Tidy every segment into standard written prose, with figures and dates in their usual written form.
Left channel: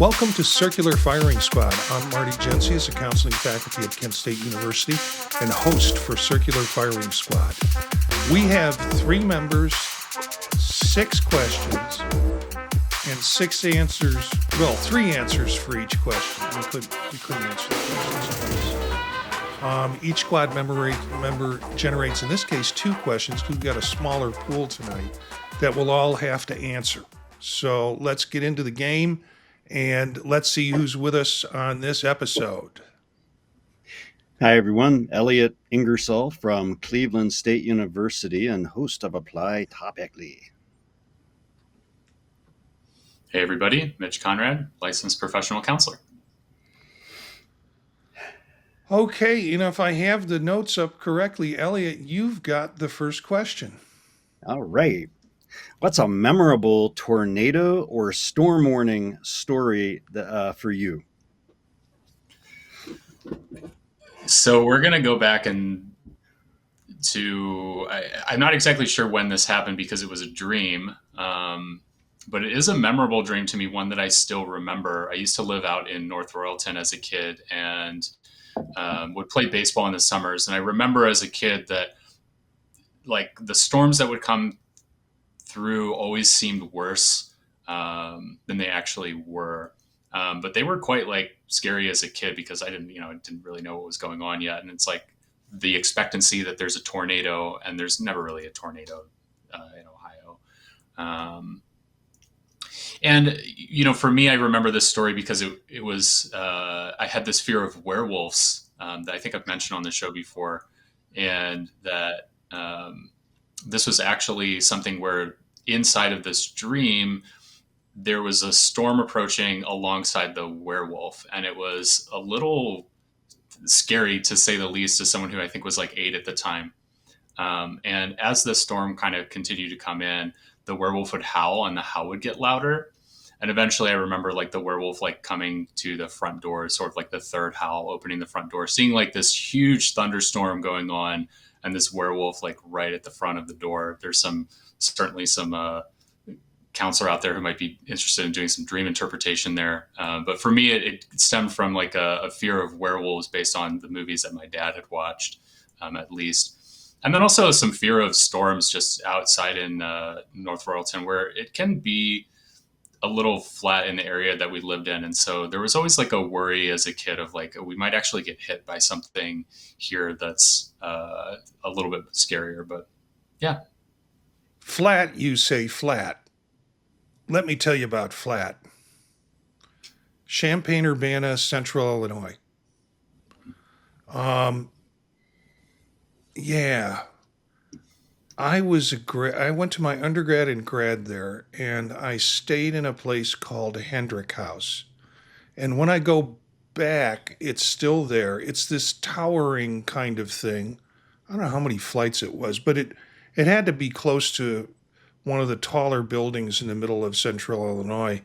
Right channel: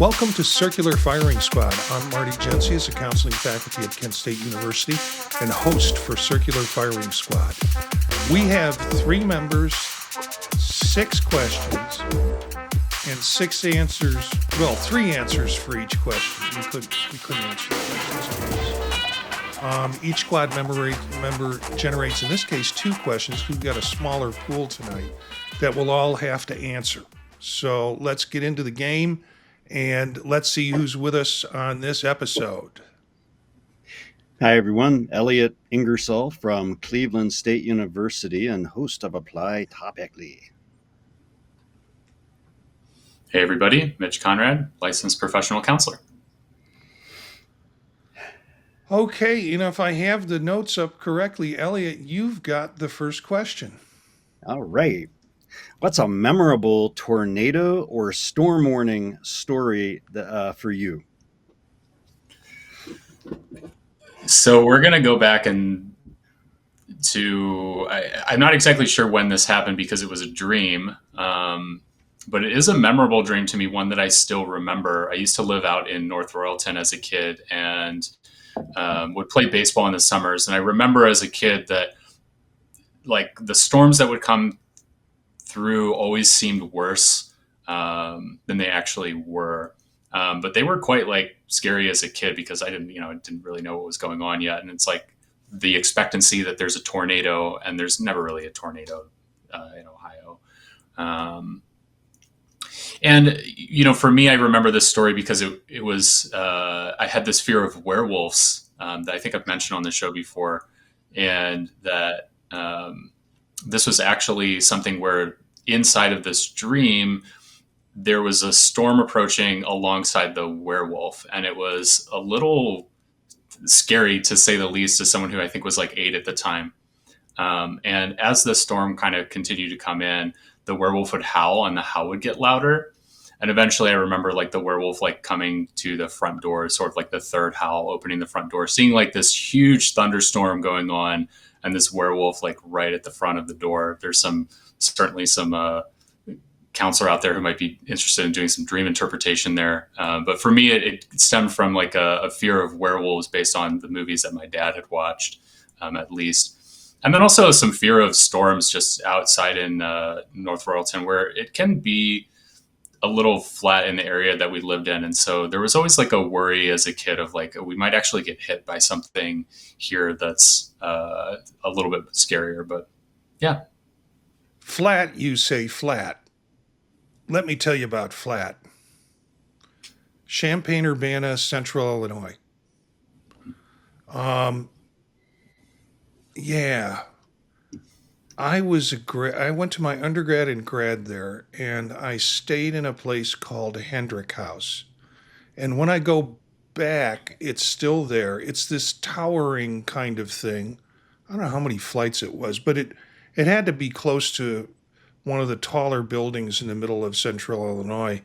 Welcome to Circular Firing Squad. I'm Marty Gensius, a counseling faculty at Kent State University and host for Circular Firing Squad. We have 3 members, 6 questions, and 6 answers. Well, 3 answers for each question. We couldn't answer the questions twice. Each squad member generates, in this case, 2 questions. We've got a smaller pool tonight that we'll all have to answer. So let's get into the game. And let's see who's with us on this episode. Hi, everyone. Elliott Ingersoll from Cleveland State University and host of Apply Topically. Hey, everybody. Mitch Conrad, licensed professional counselor. Okay, if I have the notes up correctly, Elliott, you've got the first question. All right. What's a memorable tornado or storm warning story for you? So we're going to go back I'm not exactly sure when this happened because it was a dream, but it is a memorable dream to me, one that I still remember. I used to live out in North Royalton as a kid and would play baseball in the summers. And I remember as a kid that like the storms that would come through always seemed worse than they actually were. But they were quite like scary as a kid because I didn't really know what was going on yet. And it's like the expectancy that there's a tornado and there's never really a tornado in Ohio. And for me, I remember this story because it was, I had this fear of werewolves that I think I've mentioned on the show before. And that this was actually something where inside of this dream, there was a storm approaching alongside the werewolf. And it was a little scary, to say the least, as someone who I think was like 8 at the time. And as the storm kind of continued to come in, the werewolf would howl and the howl would get louder. And eventually I remember like the werewolf like coming to the front door, sort of like the third howl, opening the front door, seeing like this huge thunderstorm going on and this werewolf like right at the front of the door. There's certainly some counselor out there who might be interested in doing some dream interpretation there. But for me, it stemmed from like a fear of werewolves based on the movies that my dad had watched, at least. And then also some fear of storms just outside in North Royalton, where it can be a little flat in the area that we lived in. And so there was always like a worry as a kid of like, we might actually get hit by something here that's a little bit scarier, but yeah. Flat, you say flat. Let me tell you about flat. Champaign-Urbana, Central Illinois. Yeah. I went to my undergrad and grad there, and I stayed in a place called Hendrick House. And when I go back, it's still there. It's this towering kind of thing. I don't know how many flights it was, but it had to be close to one of the taller buildings in the middle of Central Illinois.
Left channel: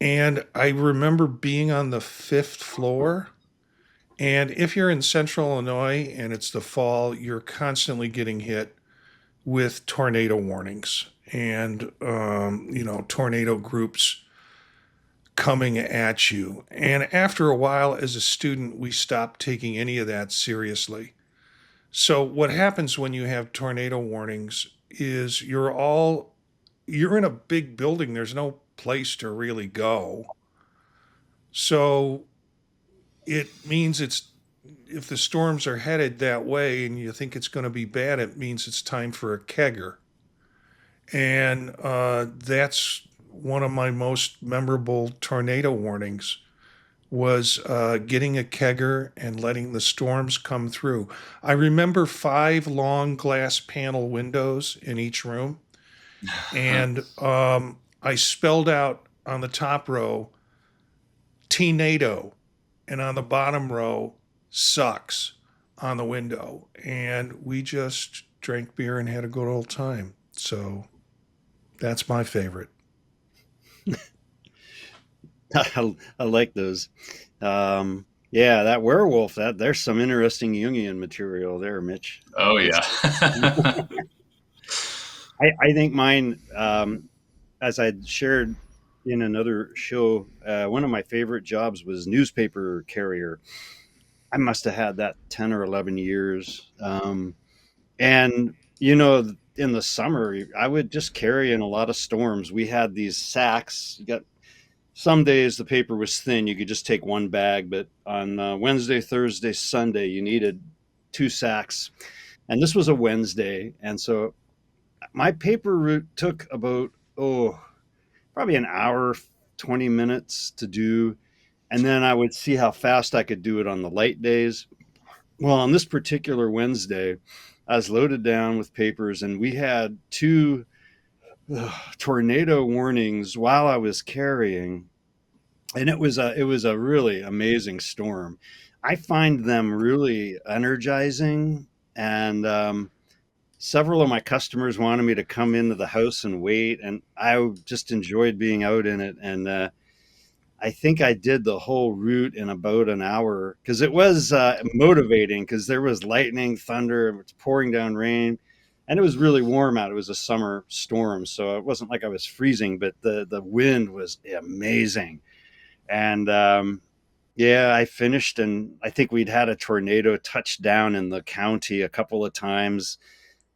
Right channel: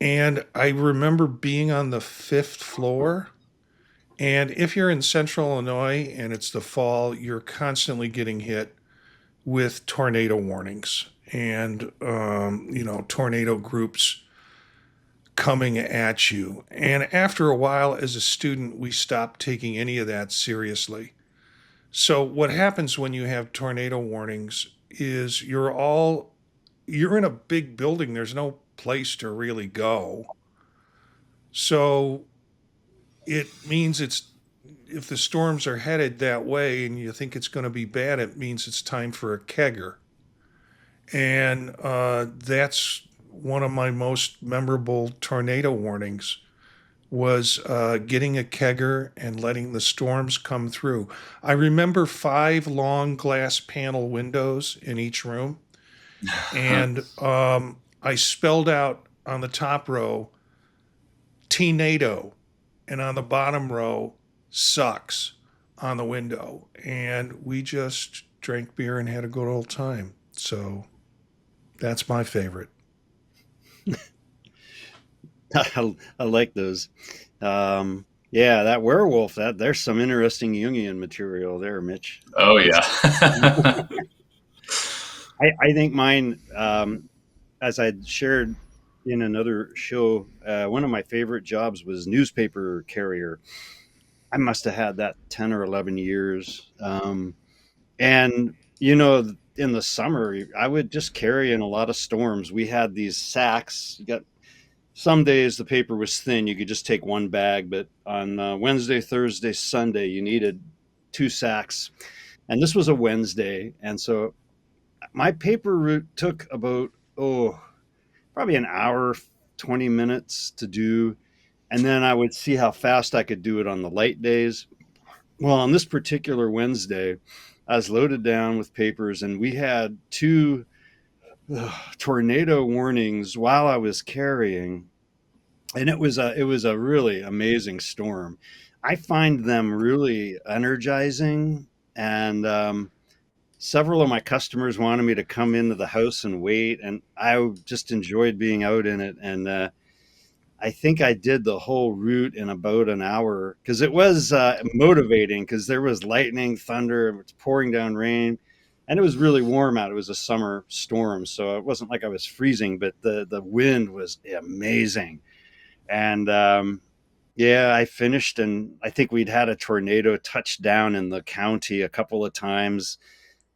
And I remember being on the 5th floor. And if you're in Central Illinois and it's the fall, you're constantly getting hit with tornado warnings and, tornado groups coming at you. And after a while, as a student, we stopped taking any of that seriously. So what happens when you have tornado warnings is you're in a big building. There's no place to really go. So it means if the storms are headed that way and you think it's going to be bad, it means it's time for a kegger. And that's one of my most memorable tornado warnings was getting a kegger and letting the storms come through. I remember 5 long glass panel windows in each room. And I spelled out on the top row, T-NATO, and on the bottom row, sucks on the window. And we just drank beer and had a good old time. So that's my favorite. I like those. Yeah, that werewolf, there's some interesting Jungian material there, Mitch. Oh, yeah. I think mine, as I shared in another show, one of my favorite jobs was newspaper carrier. I must have had that 10 or 11 years. And, in the summer, I would just carry in a lot of storms. We had these sacks. You got some days the paper was thin. You could just take one bag, but on Wednesday, Thursday, Sunday, you needed two sacks. And this was a Wednesday. And so my paper route took about, probably an hour, 20 minutes to do. And then I would see how fast I could do it on the light days. Well, on this particular Wednesday, I was loaded down with papers, and we had two tornado warnings while I was carrying, and it was a really amazing storm. I find them really energizing, and several of my customers wanted me to come into the house and wait, and I just enjoyed being out in it. And I think I did the whole route in about an hour because it was motivating because there was lightning, thunder, it was pouring down rain, and it was really warm out. It was a summer storm, so it wasn't like I was freezing, but the wind was amazing. And yeah, I finished, and I think we'd had a tornado touch down in the county a couple of times,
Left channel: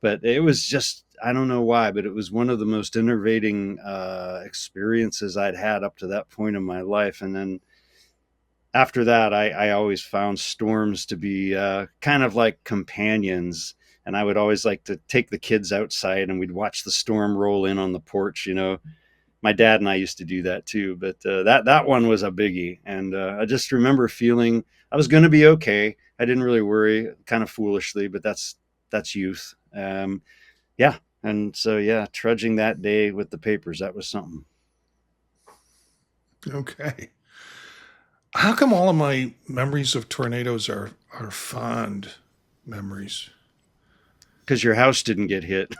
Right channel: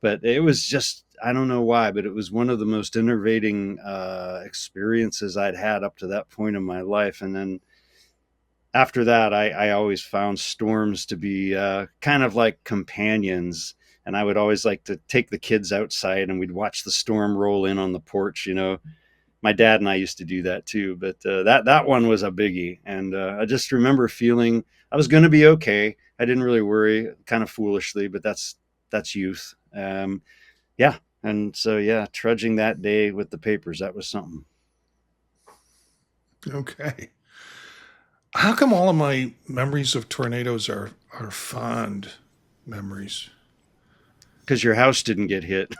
but it was just, I don't know why, but it was one of the most innovating experiences I'd had up to that point in my life. And then after that, I always found storms to be kind of like companions. And I would always like to take the kids outside and we'd watch the storm roll in on the porch. My dad and I used to do that too, but that one was a biggie. And I just remember feeling I was going to be okay. I didn't really worry, kind of foolishly, but that's youth. Yeah. And so, yeah, trudging that day with the papers, that was something. Okay. How come all of my memories of tornadoes are fond memories? Because your house didn't get hit.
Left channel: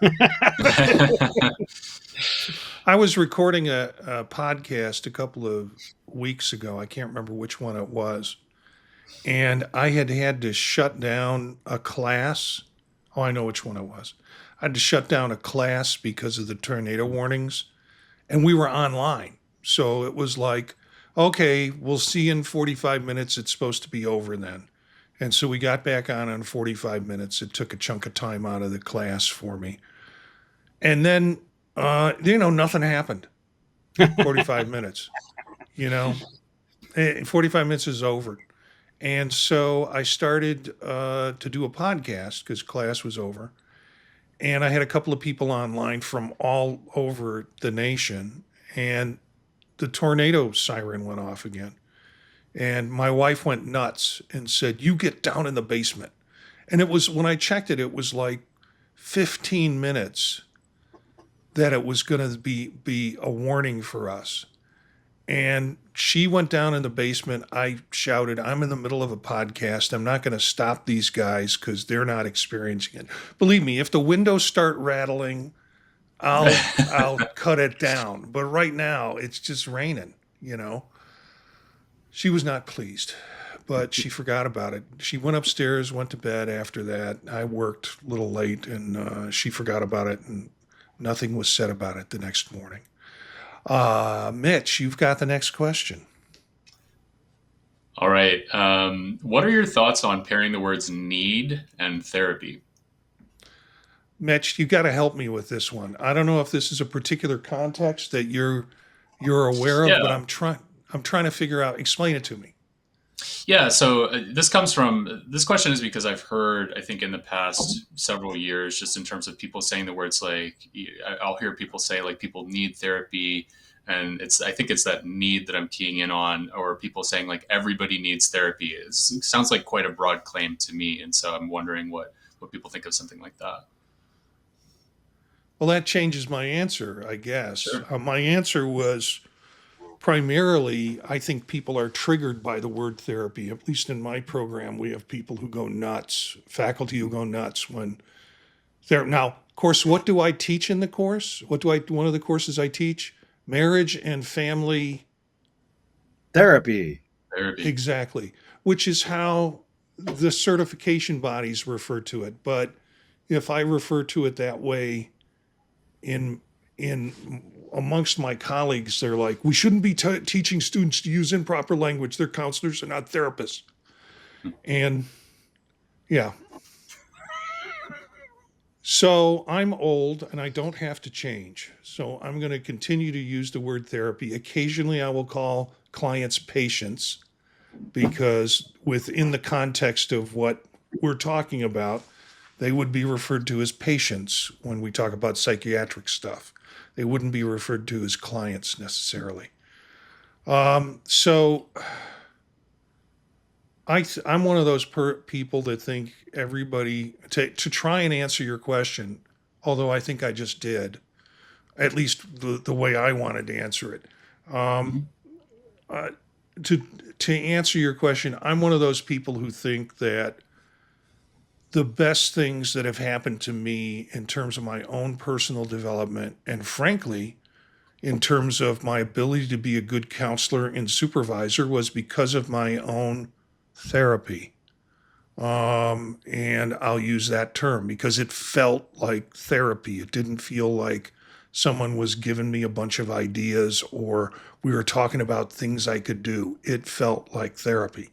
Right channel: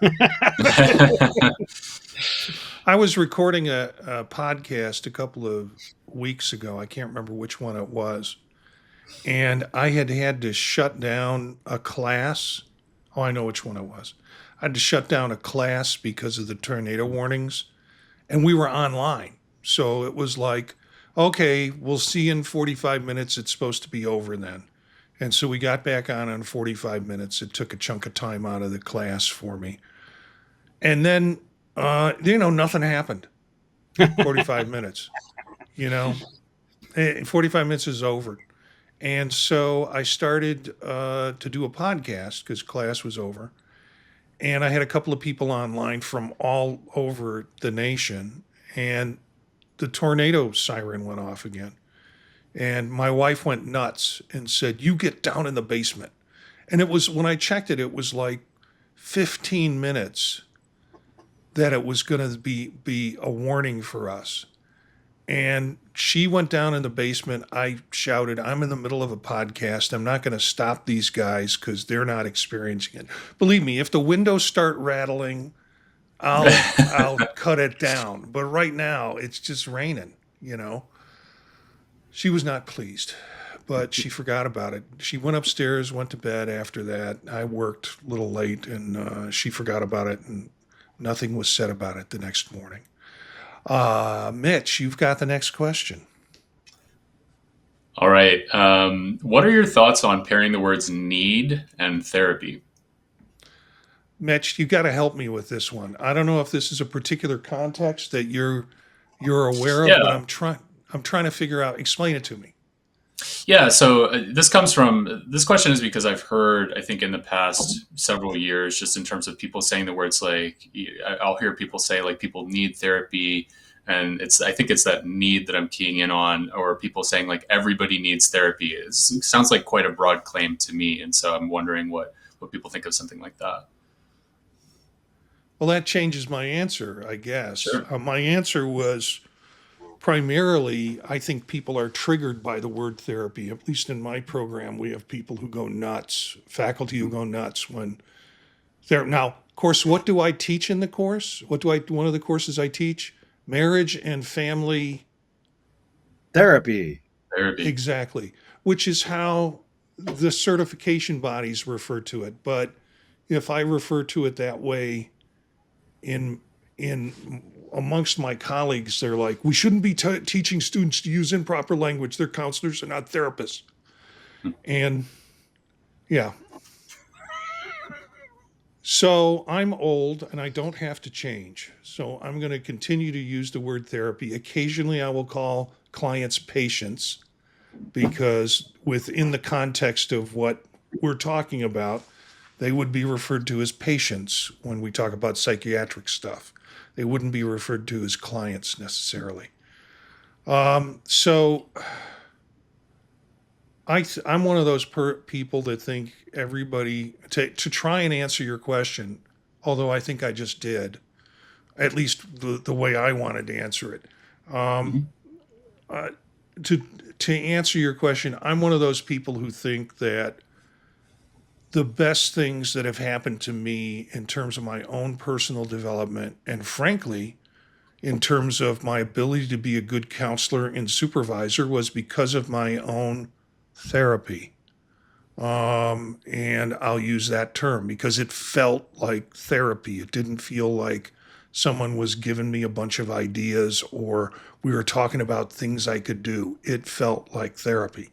I was recording a podcast a couple of weeks ago. I can't remember which one it was. And I had to shut down a class. Oh, I know which one it was. I had to shut down a class because of the tornado warnings. And we were online. So it was like, okay, we'll see you in 45 minutes. It's supposed to be over then. And so we got back on in 45 minutes. It took a chunk of time out of the class for me. And then, nothing happened. 45 minutes, you know, 45 minutes is over. And so I started to do a podcast because class was over. And I had a couple of people online from all over the nation. And the tornado siren went off again. And my wife went nuts and said, "You get down in the basement." And it was, when I checked it, it was like 15 minutes that it was going to be a warning for us. And she went down in the basement. I shouted, "I'm in the middle of a podcast. I'm not going to stop these guys because they're not experiencing it." Believe me, if the windows start rattling, I'll cut it down. But right now, it's just raining, you know. She was not pleased, but she forgot about it. She went upstairs, went to bed after that. I worked a little late, and she forgot about it, and nothing was said about it the next morning. Mitch, you've got the next question. All right. What are your thoughts on pairing the words need and therapy? Mitch, you got to help me with this one. I don't know if this is a particular context that you're aware of, but Yeah. I'm trying to figure out. Explain it to me. Yeah, so this question is because I've heard, I think in the past several years, just in terms of people saying the words like, I'll hear people say like people need therapy, and I think it's that need that I'm keying in on, or people saying like everybody needs therapy. It sounds like quite a broad claim to me, and so I'm wondering what people think of something like that. Well, that changes my answer, I guess. Sure. My answer was primarily, I think people are triggered by the word therapy. At least in my program, we have people who go nuts, faculty who go nuts when they're now. Of course, what do I teach in the course? One of the courses I teach? Marriage and family. Therapy. Therapy. Exactly, which is how the certification bodies refer to it. But if I refer to it that way, in amongst my colleagues, they're like, we shouldn't be teaching students to use improper language. They're counselors, they're not therapists. And yeah. So I'm old and I don't have to change. So I'm going to continue to use the word therapy. Occasionally I will call clients patients because within the context of what we're talking about, they would be referred to as patients when we talk about psychiatric stuff. They wouldn't be referred to as clients necessarily. So I'm one of those people that think everybody, to try and answer your question, although I think I just did, at least the way I wanted to answer it. To answer your question, I'm one of those people who think that the best things that have happened to me in terms of my own personal development, and frankly, in terms of my ability to be a good counselor and supervisor, was because of my own therapy. And I'll use that term because it felt like therapy. It didn't feel like someone was giving me a bunch of ideas or we were talking about things I could do. It felt like therapy.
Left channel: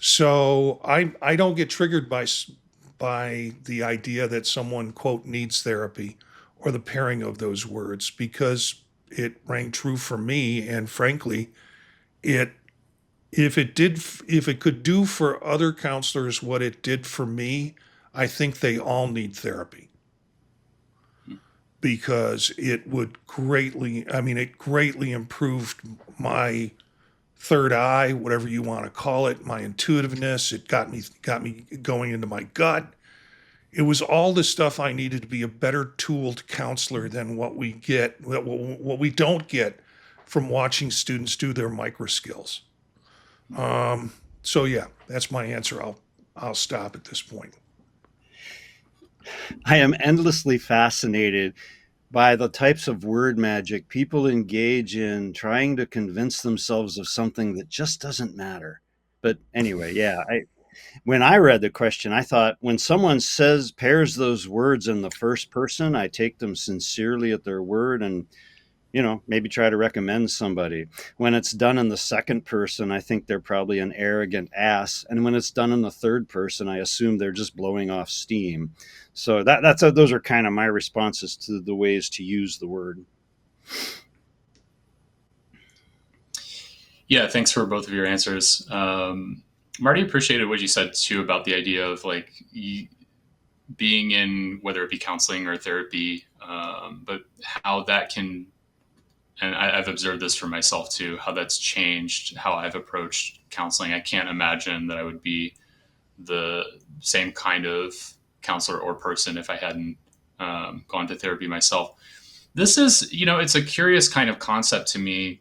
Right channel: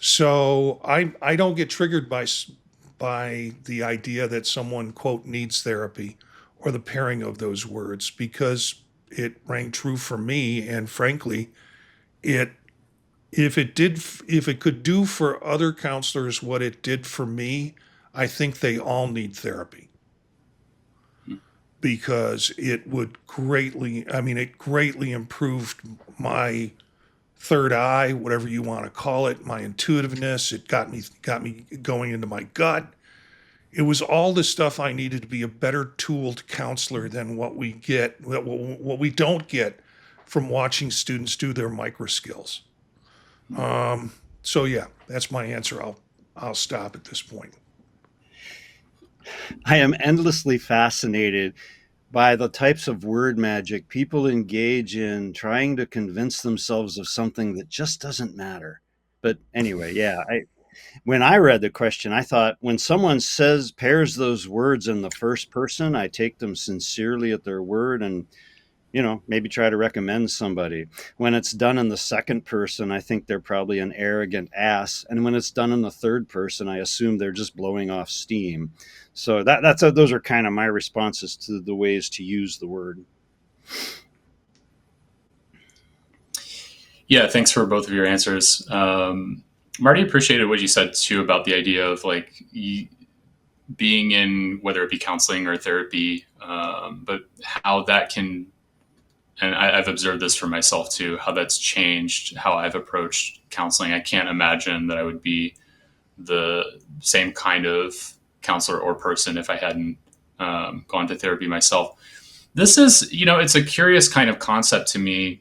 So I don't get triggered by the idea that someone, quote, needs therapy or the pairing of those words because it rang true for me. And frankly, if it could do for other counselors what it did for me, I think they all need therapy because it greatly improved my third eye, whatever you want to call it, my intuitiveness. It got me going into my gut. It was all the stuff I needed to be a better tooled counselor than what we don't get from watching students do their micro skills. So yeah, that's my answer. I'll stop at this point. I am endlessly fascinated by the types of word magic people engage in trying to convince themselves of something that just doesn't matter. But anyway, yeah, when I read the question, I thought when someone pairs those words in the first person, I take them sincerely at their word and, maybe try to recommend somebody. When it's done in the second person, I think they're probably an arrogant ass. And when it's done in the third person, I assume they're just blowing off steam. So those are kind of my responses to the ways to use the word. Yeah, thanks for both of your answers. Marty, appreciated what you said too about the idea of like being in, whether it be counseling or therapy, but how that can, and I've observed this for myself too, how that's changed how I've approached counseling. I can't imagine that I would be the same kind of counselor or person if I hadn't gone to therapy myself. This is, it's a curious kind of concept to me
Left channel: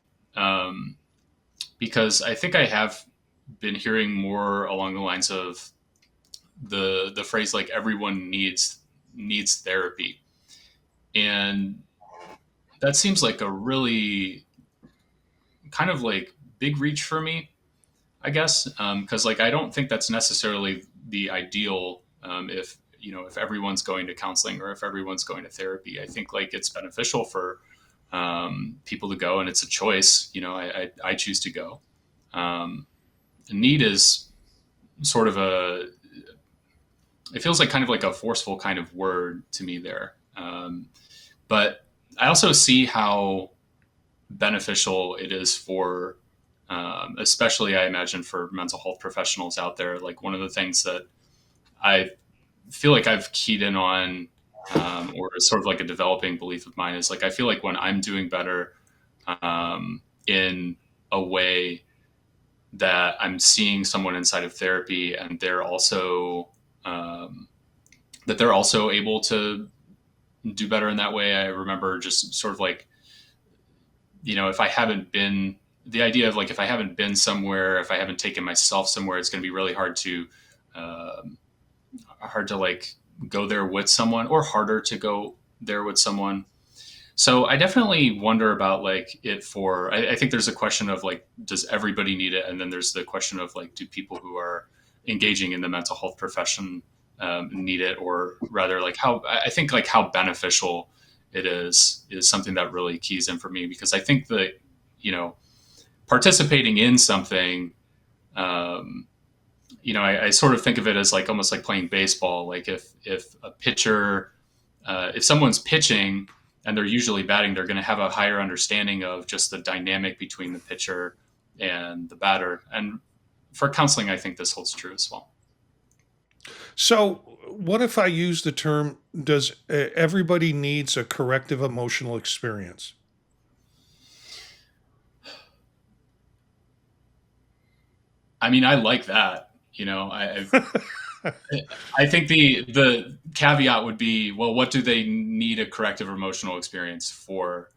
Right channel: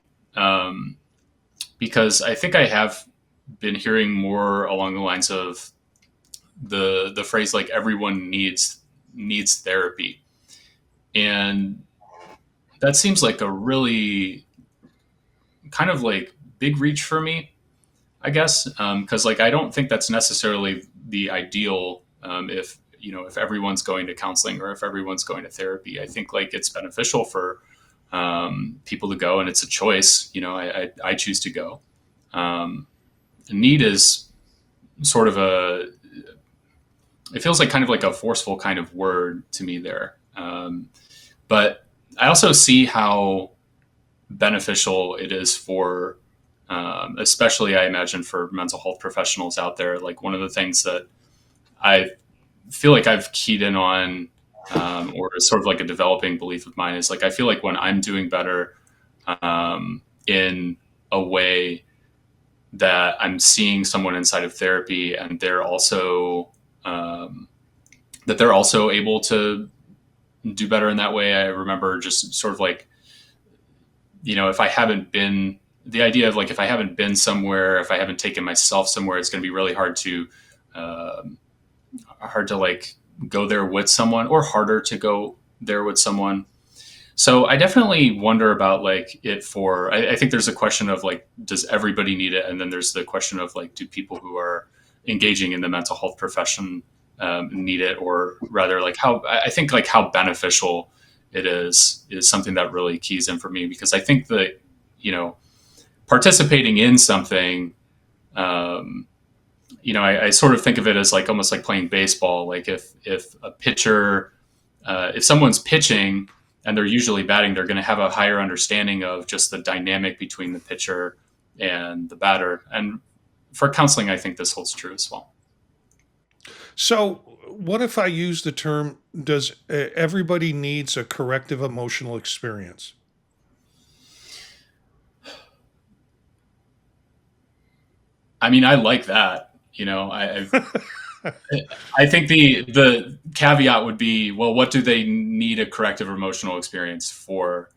because I think I have been hearing more along the lines of the phrase like everyone needs therapy. And that seems like a really kind of like big reach for me, I guess, because like I don't think that's necessarily the ideal if everyone's going to counseling or if everyone's going to therapy. I think like it's beneficial for people to go, and it's a choice. I choose to go. Need is sort of it feels like kind of like a forceful kind of word to me there. But I also see how beneficial it is for, especially I imagine for mental health professionals out there. Like one of the things that I feel like I've keyed in on, or is sort of like a developing belief of mine, is like I feel like when I'm doing better in a way that I'm seeing someone inside of therapy and they're also able to do better in that way. I remember just sort of like, if I haven't been, the idea of like, if I haven't been somewhere, if I haven't taken myself somewhere, it's going to be really hard to like go there with someone, or harder to go there with someone. So I definitely wonder about like I think there's a question of like, does everybody need it? And then there's the question of like, do people who are engaging in the mental health profession need it? Or rather like how beneficial it is something that really keys in for me, because I think that, participating in something, I sort of think of it as like almost like playing baseball. Like if a pitcher, if someone's pitching and they're usually batting, they're going to have a higher understanding of just the dynamic between the pitcher and the batter. And for counseling, I think this holds true as well. So, what if I use the term, does everybody needs a corrective emotional experience? I mean, I like that. I think the caveat would be, well, what do they need a corrective emotional experience for?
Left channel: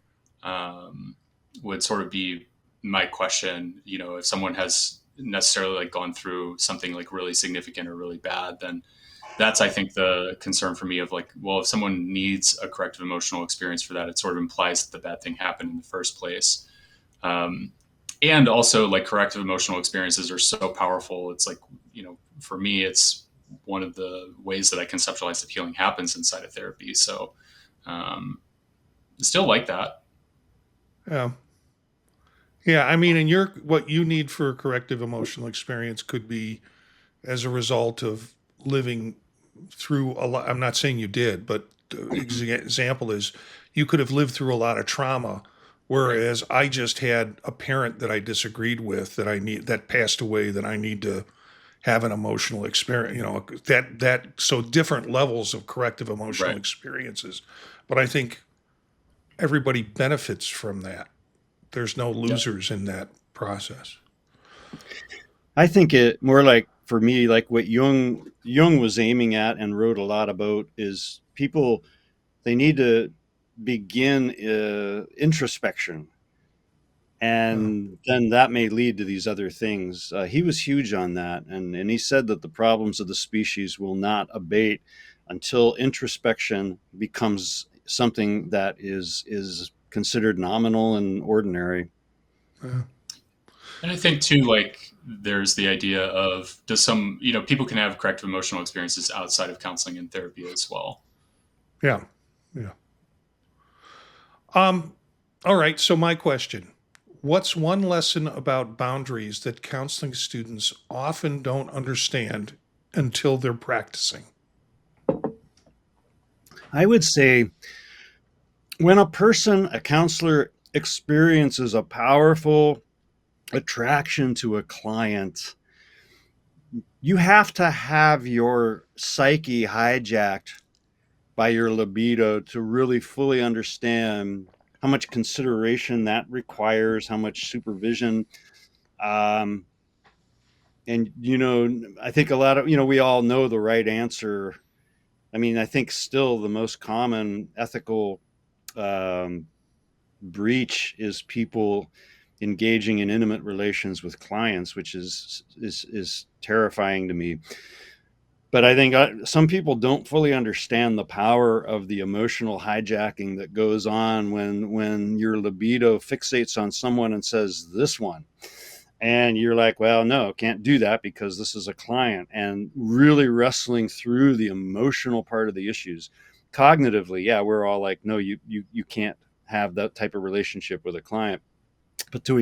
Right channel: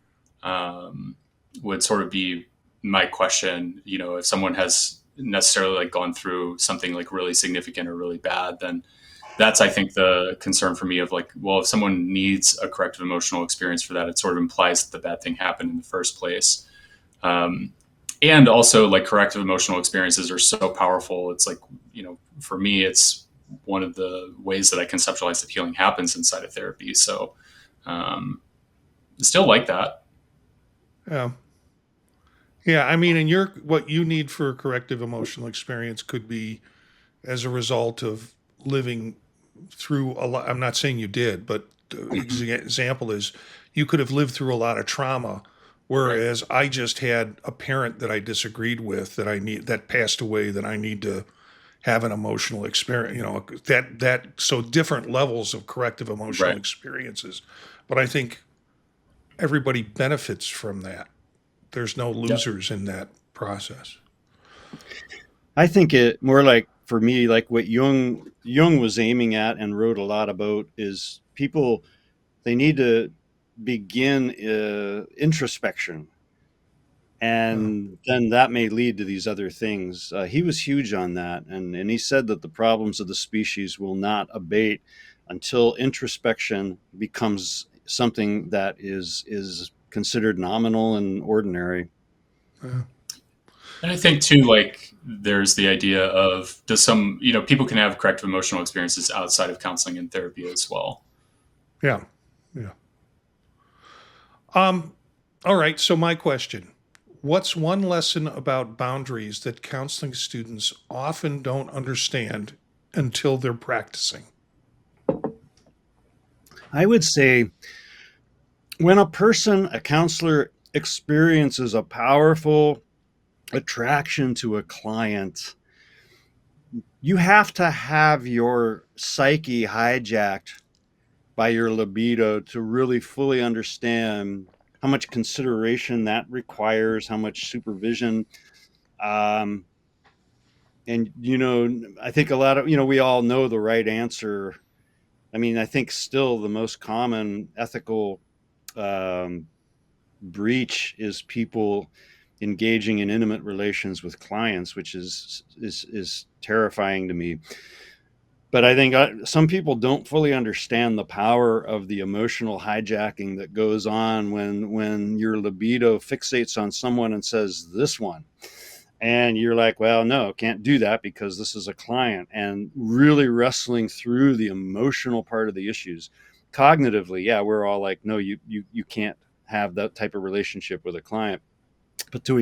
Would sort of be my question. If someone has necessarily like gone through something like really significant or really bad, then that's, I think, the concern for me of like, well, if someone needs a corrective emotional experience for that, it sort of implies that the bad thing happened in the first place. And also, like, corrective emotional experiences are so powerful. It's like, for me, it's one of the ways that I conceptualize that healing happens inside of therapy. So I still like that. Yeah. Yeah. I mean, and what you need for a corrective emotional experience could be as a result of living through a lot. I'm not saying you did, but the example is you could have lived through a lot of trauma. Whereas I just had a parent that I disagreed with that passed away, that I need to have an emotional experience, so different levels of corrective emotional Right. experiences. But I think everybody benefits from that. There's no losers in that process. I think it more like, for me, like what Jung was aiming at and wrote a lot about is people, they need to begin introspection, and then that may lead to these other things. He was huge on that, and he said that the problems of the species will not abate until introspection becomes something that is considered nominal and ordinary. Yeah. And I think too, like, there's the idea of people can have corrective emotional experiences outside of counseling and therapy as well. Yeah. Yeah. All right. So my question, what's one lesson about boundaries that counseling students often don't understand until they're practicing? I would say when a counselor experiences a powerful attraction to a client, you have to have your psyche hijacked by your libido to really fully understand how much consideration that requires, how much supervision. And, I think a lot of, we all know the right answer. I mean, I think still the most common ethical breach is people engaging in intimate relations with clients, which is terrifying to me. But I think some people don't fully understand the power of the emotional hijacking that goes on when your libido fixates on someone and says, this one. And you're like, well, no, can't do that because this is a client. And really wrestling through the emotional part of the issues. Cognitively, yeah, we're all like, no, you can't have that type of relationship with a client. But to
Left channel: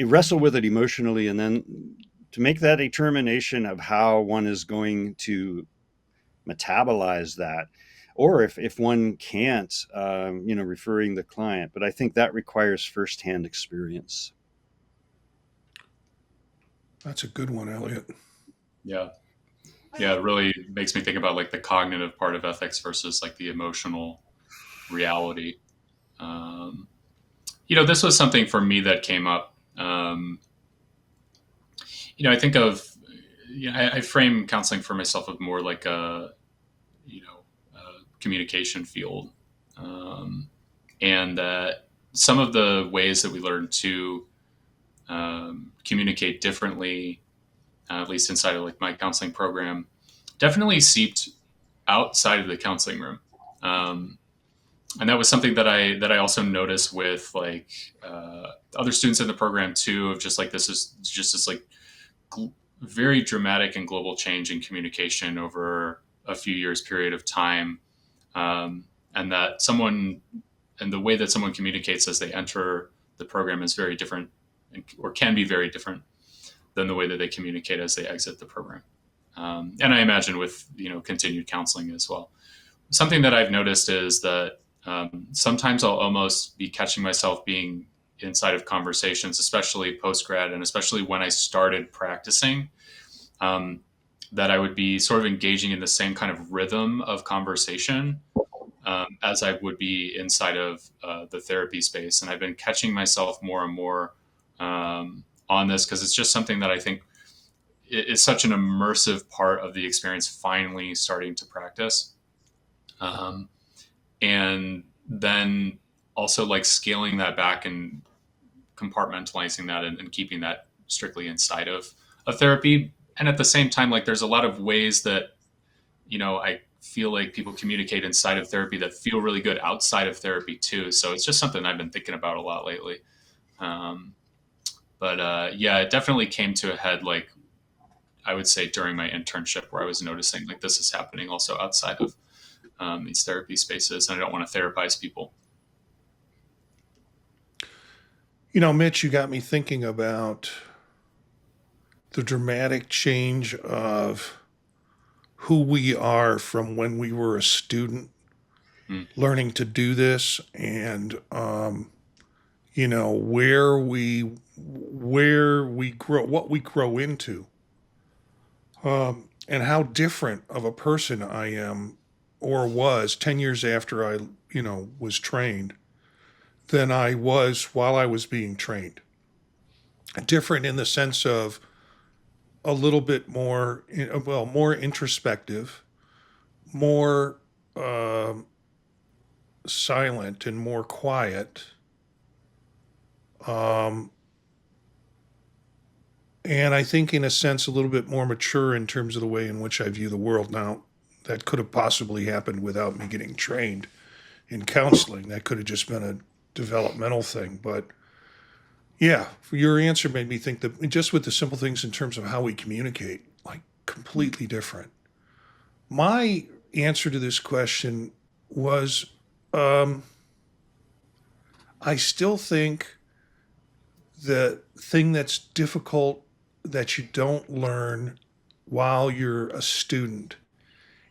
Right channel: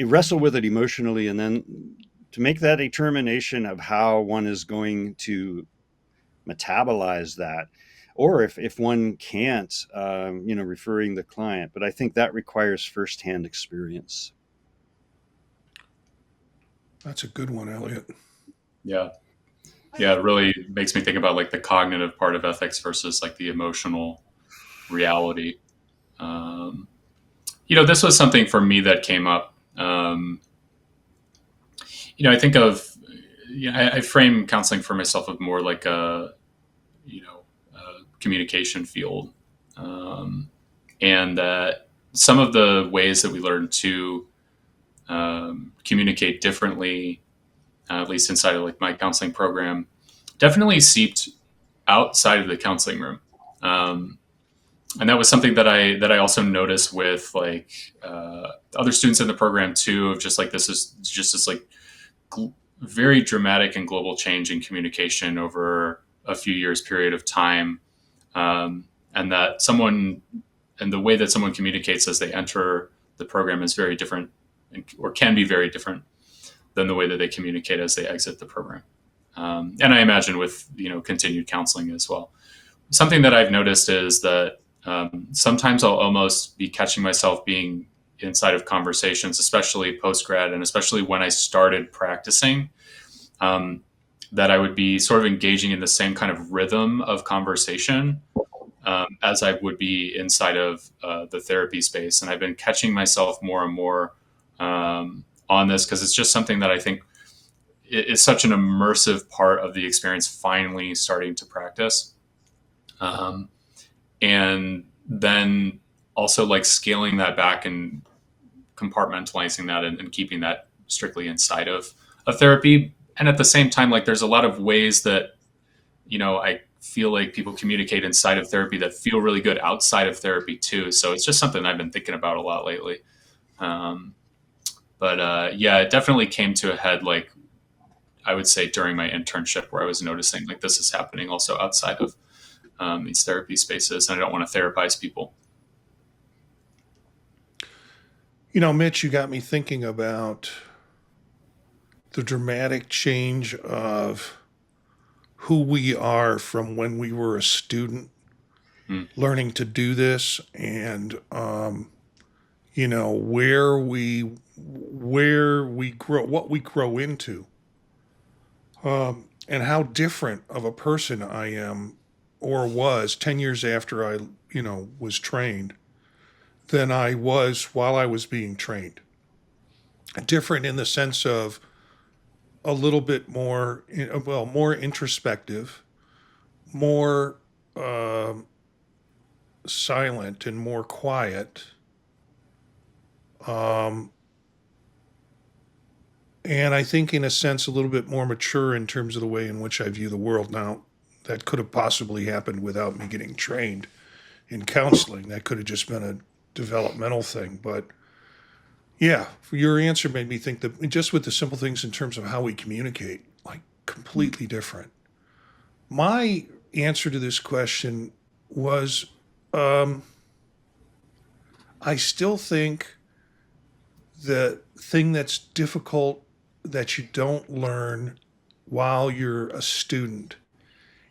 wrestle with it emotionally, and then to make that determination of how one is going to metabolize that, or if one can't, referring the client. But I think that requires firsthand experience. That's a good one, Elliott. Yeah. Yeah, it really makes me think about like the cognitive part of ethics versus like the emotional reality. This was something for me that came up. I think of, I frame counseling for myself of more like a communication field. And that some of the ways that we learn to communicate differently, at least inside of like my counseling program, definitely seeped outside of the counseling room. And that was something that I also noticed with like other students in the program too. Just like this is just this like very dramatic and global change in communication over a few years period of time. And and that the way that someone communicates as they enter the program is very different, or can be very different than the way that they communicate as they exit the program. And I imagine with continued counseling as well. Something that I've noticed is that sometimes I'll almost be catching myself being inside of conversations, especially post-grad, and especially when I started practicing, that I would be sort of engaging in the same kind of rhythm of conversation as I would be inside of the therapy space. And I've been catching myself more and more on this, because it's just something that I think it's such an immersive part of the experience, finally starting to practice. And then also like scaling that back and compartmentalizing that and keeping that strictly inside of a therapy. And at the same time, like there's a lot of ways that, I feel like people communicate inside of therapy that feel really good outside of therapy too. So it's just something I've been thinking about a lot lately. Yeah, it definitely came to a head, like I would say during my internship, where I was noticing like this is happening also outside of these therapy spaces, and I don't want to therapize people. Mitch, you got me thinking about the dramatic change of who we are from when we were a student learning to do this, and where we grow, what we grow into, and how different of a person I am or was 10 years after I was trained than I was while I was being trained. Different in the sense of a little bit more, more introspective, more silent and more quiet. And I think in a sense, a little bit more mature in terms of the way in which I view the world. Now, that could have possibly happened without me getting trained in counseling. That could have just been a developmental thing. But yeah, your answer made me think that just with the simple things in terms of how we communicate, like completely different. My answer to this question was, I still think the thing that's difficult that you don't learn while you're a student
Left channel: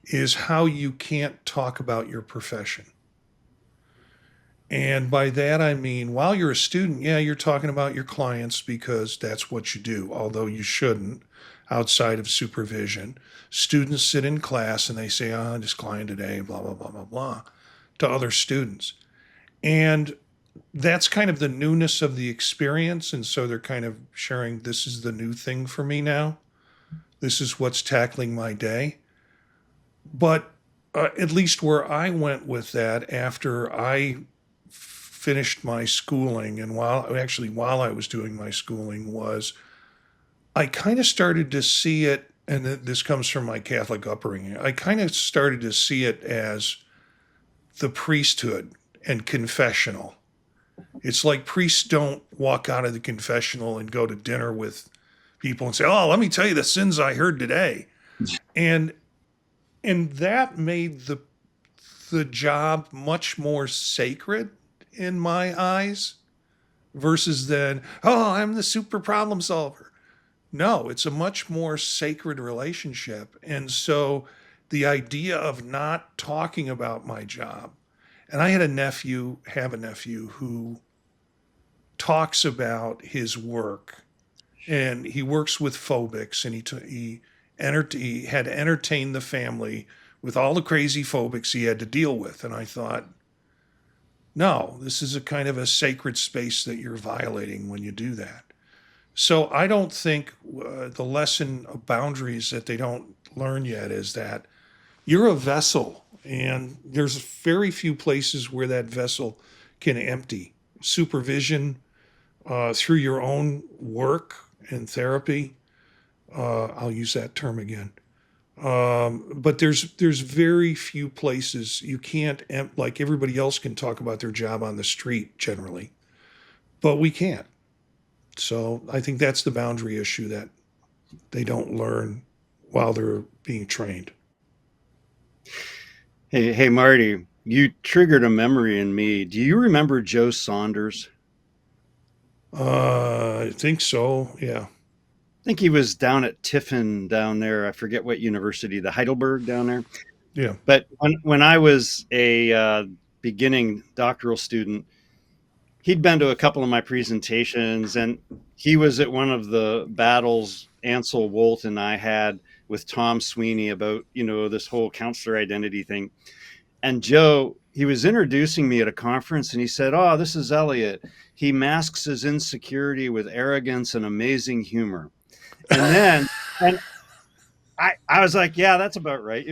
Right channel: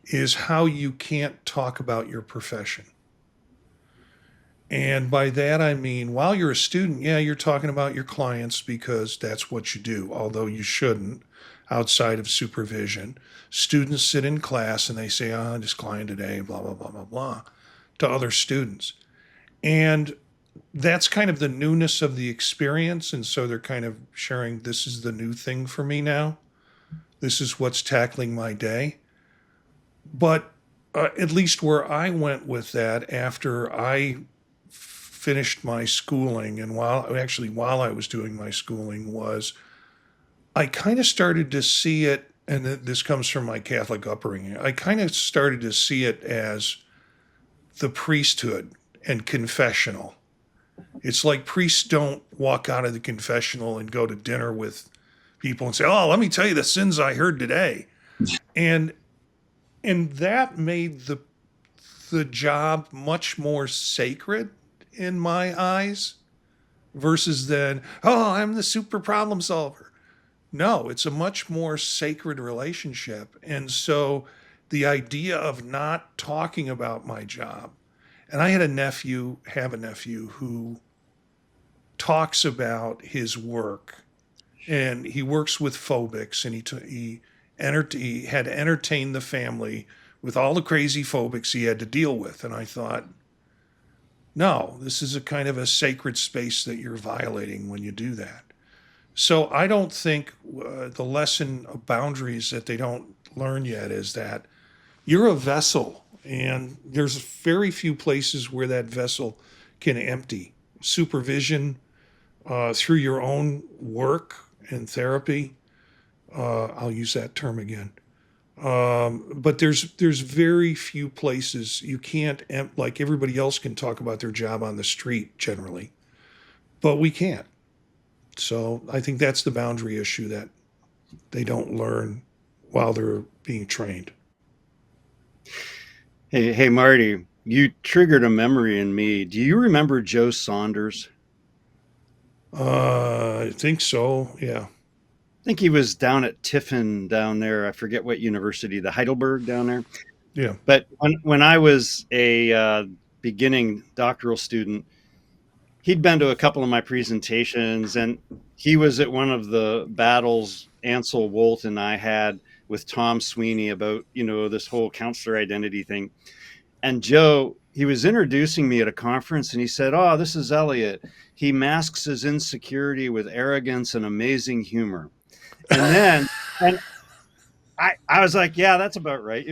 is how you can't talk about your profession. And by that, I mean, while you're a student, yeah, you're talking about your clients because that's what you do, although you shouldn't outside of supervision. Students sit in class and they say, this client today, blah, blah, blah, blah, blah, to other students. And that's kind of the newness of the experience. And so they're kind of sharing, this is the new thing for me now. This is what's tackling my day. But at least where I went with that after I finished my schooling, and while I was doing my schooling, was I kind of started to see it, and this comes from my Catholic upbringing, I kind of started to see it as the priesthood and confessional. It's like priests don't walk out of the confessional and go to dinner with people and say, oh, let me tell you the sins I heard today. And that made the job much more sacred in my eyes versus then, oh, I'm the super problem solver. No, it's a much more sacred relationship. And so the idea of not talking about my job, and I have a nephew who talks about his work, and he works with phobics, and he had entertained the family with all the crazy phobics he had to deal with. And I thought, no, this is a kind of a sacred space that you're violating when you do that. So I don't think the lesson of boundaries that they don't learn yet is that you're a vessel, and there's very few places where that vessel can empty. Supervision through your own work and therapy. I'll use that term again. But there's very few places you can't, like everybody else can talk about their job on the street generally, but we can't. So I think that's the boundary issue that they don't learn while they're being trained. Hey, Marty, You triggered a memory in me. Do you remember Joe Saunders? I think so. Yeah. I think he was down at Tiffin down there. I forget what university, the Heidelberg down there. Yeah. But when I was a beginning doctoral student, he'd been to a couple of my presentations, and he was at one of the battles Ansel Wolt and I had with Tom Sweeney about, this whole counselor identity thing. And Joe, he was introducing me at a conference, and he said, "Oh, this is Elliott. He masks his insecurity with arrogance and amazing humor." And I was like, "Yeah, that's about right."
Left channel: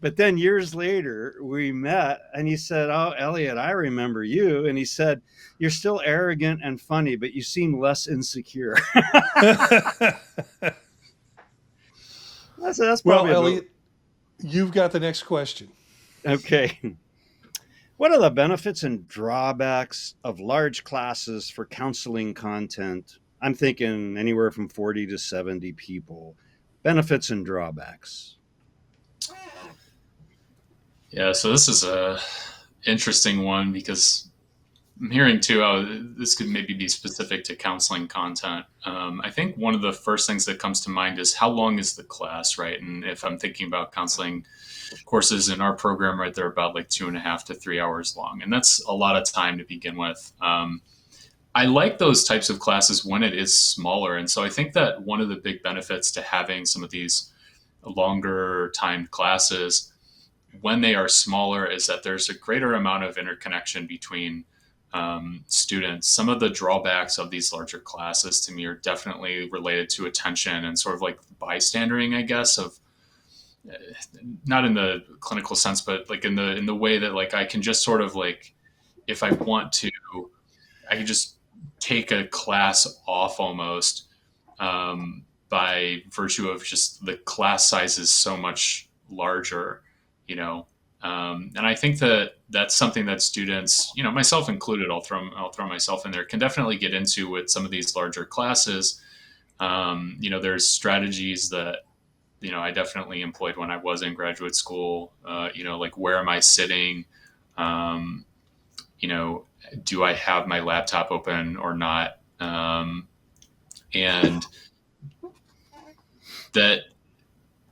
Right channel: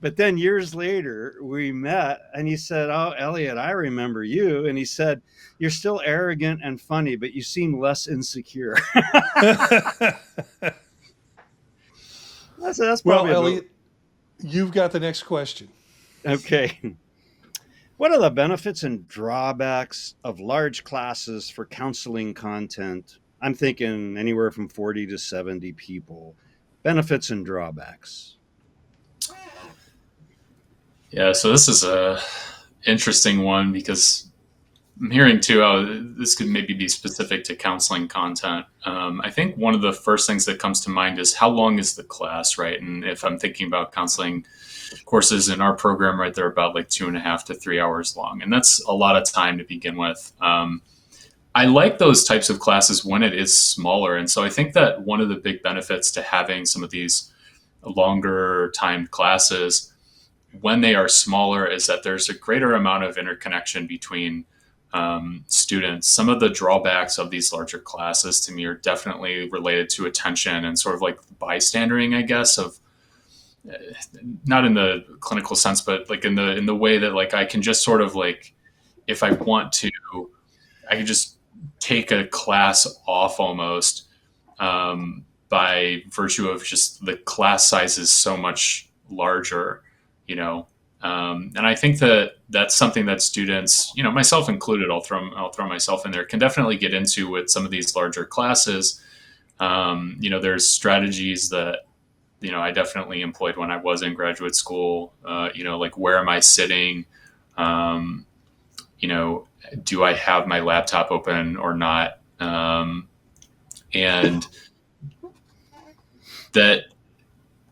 But then years later, we met, and he said, "Oh, Elliott, I remember you." And he said, "You're still arrogant and funny, but you seem less insecure." That's Well, probably Elliott, you've got the next question. okay. What are the benefits and drawbacks of large classes for counseling content? I'm thinking anywhere from 40 to 70 people. Benefits and drawbacks. Yeah, so this is a interesting one because I'm hearing too how this could maybe be specific to counseling content. I think one of the first things that comes to mind is how long is the class, right? And if I'm thinking about counseling courses in our program, right, they're about like 2.5 to 3 hours long, and that's a lot of time to begin with. I like those types of classes when it is smaller, and so I think that one of the big benefits to having some of these longer time classes when they are smaller is that there's a greater amount of interconnection between students. Some of the drawbacks of these larger classes to me are definitely related to attention and sort of like bystandering, I guess, of not in the clinical sense, but like in the way that like I can just sort of like, if I want to, I can just take a class off almost by virtue of just the class size is so much larger, and I think that that's something that students, myself included, I'll throw myself in there, can definitely get into with some of these larger classes. There's strategies that, I definitely employed when I was in graduate school, like where am I sitting? Do I have my laptop open or not? And that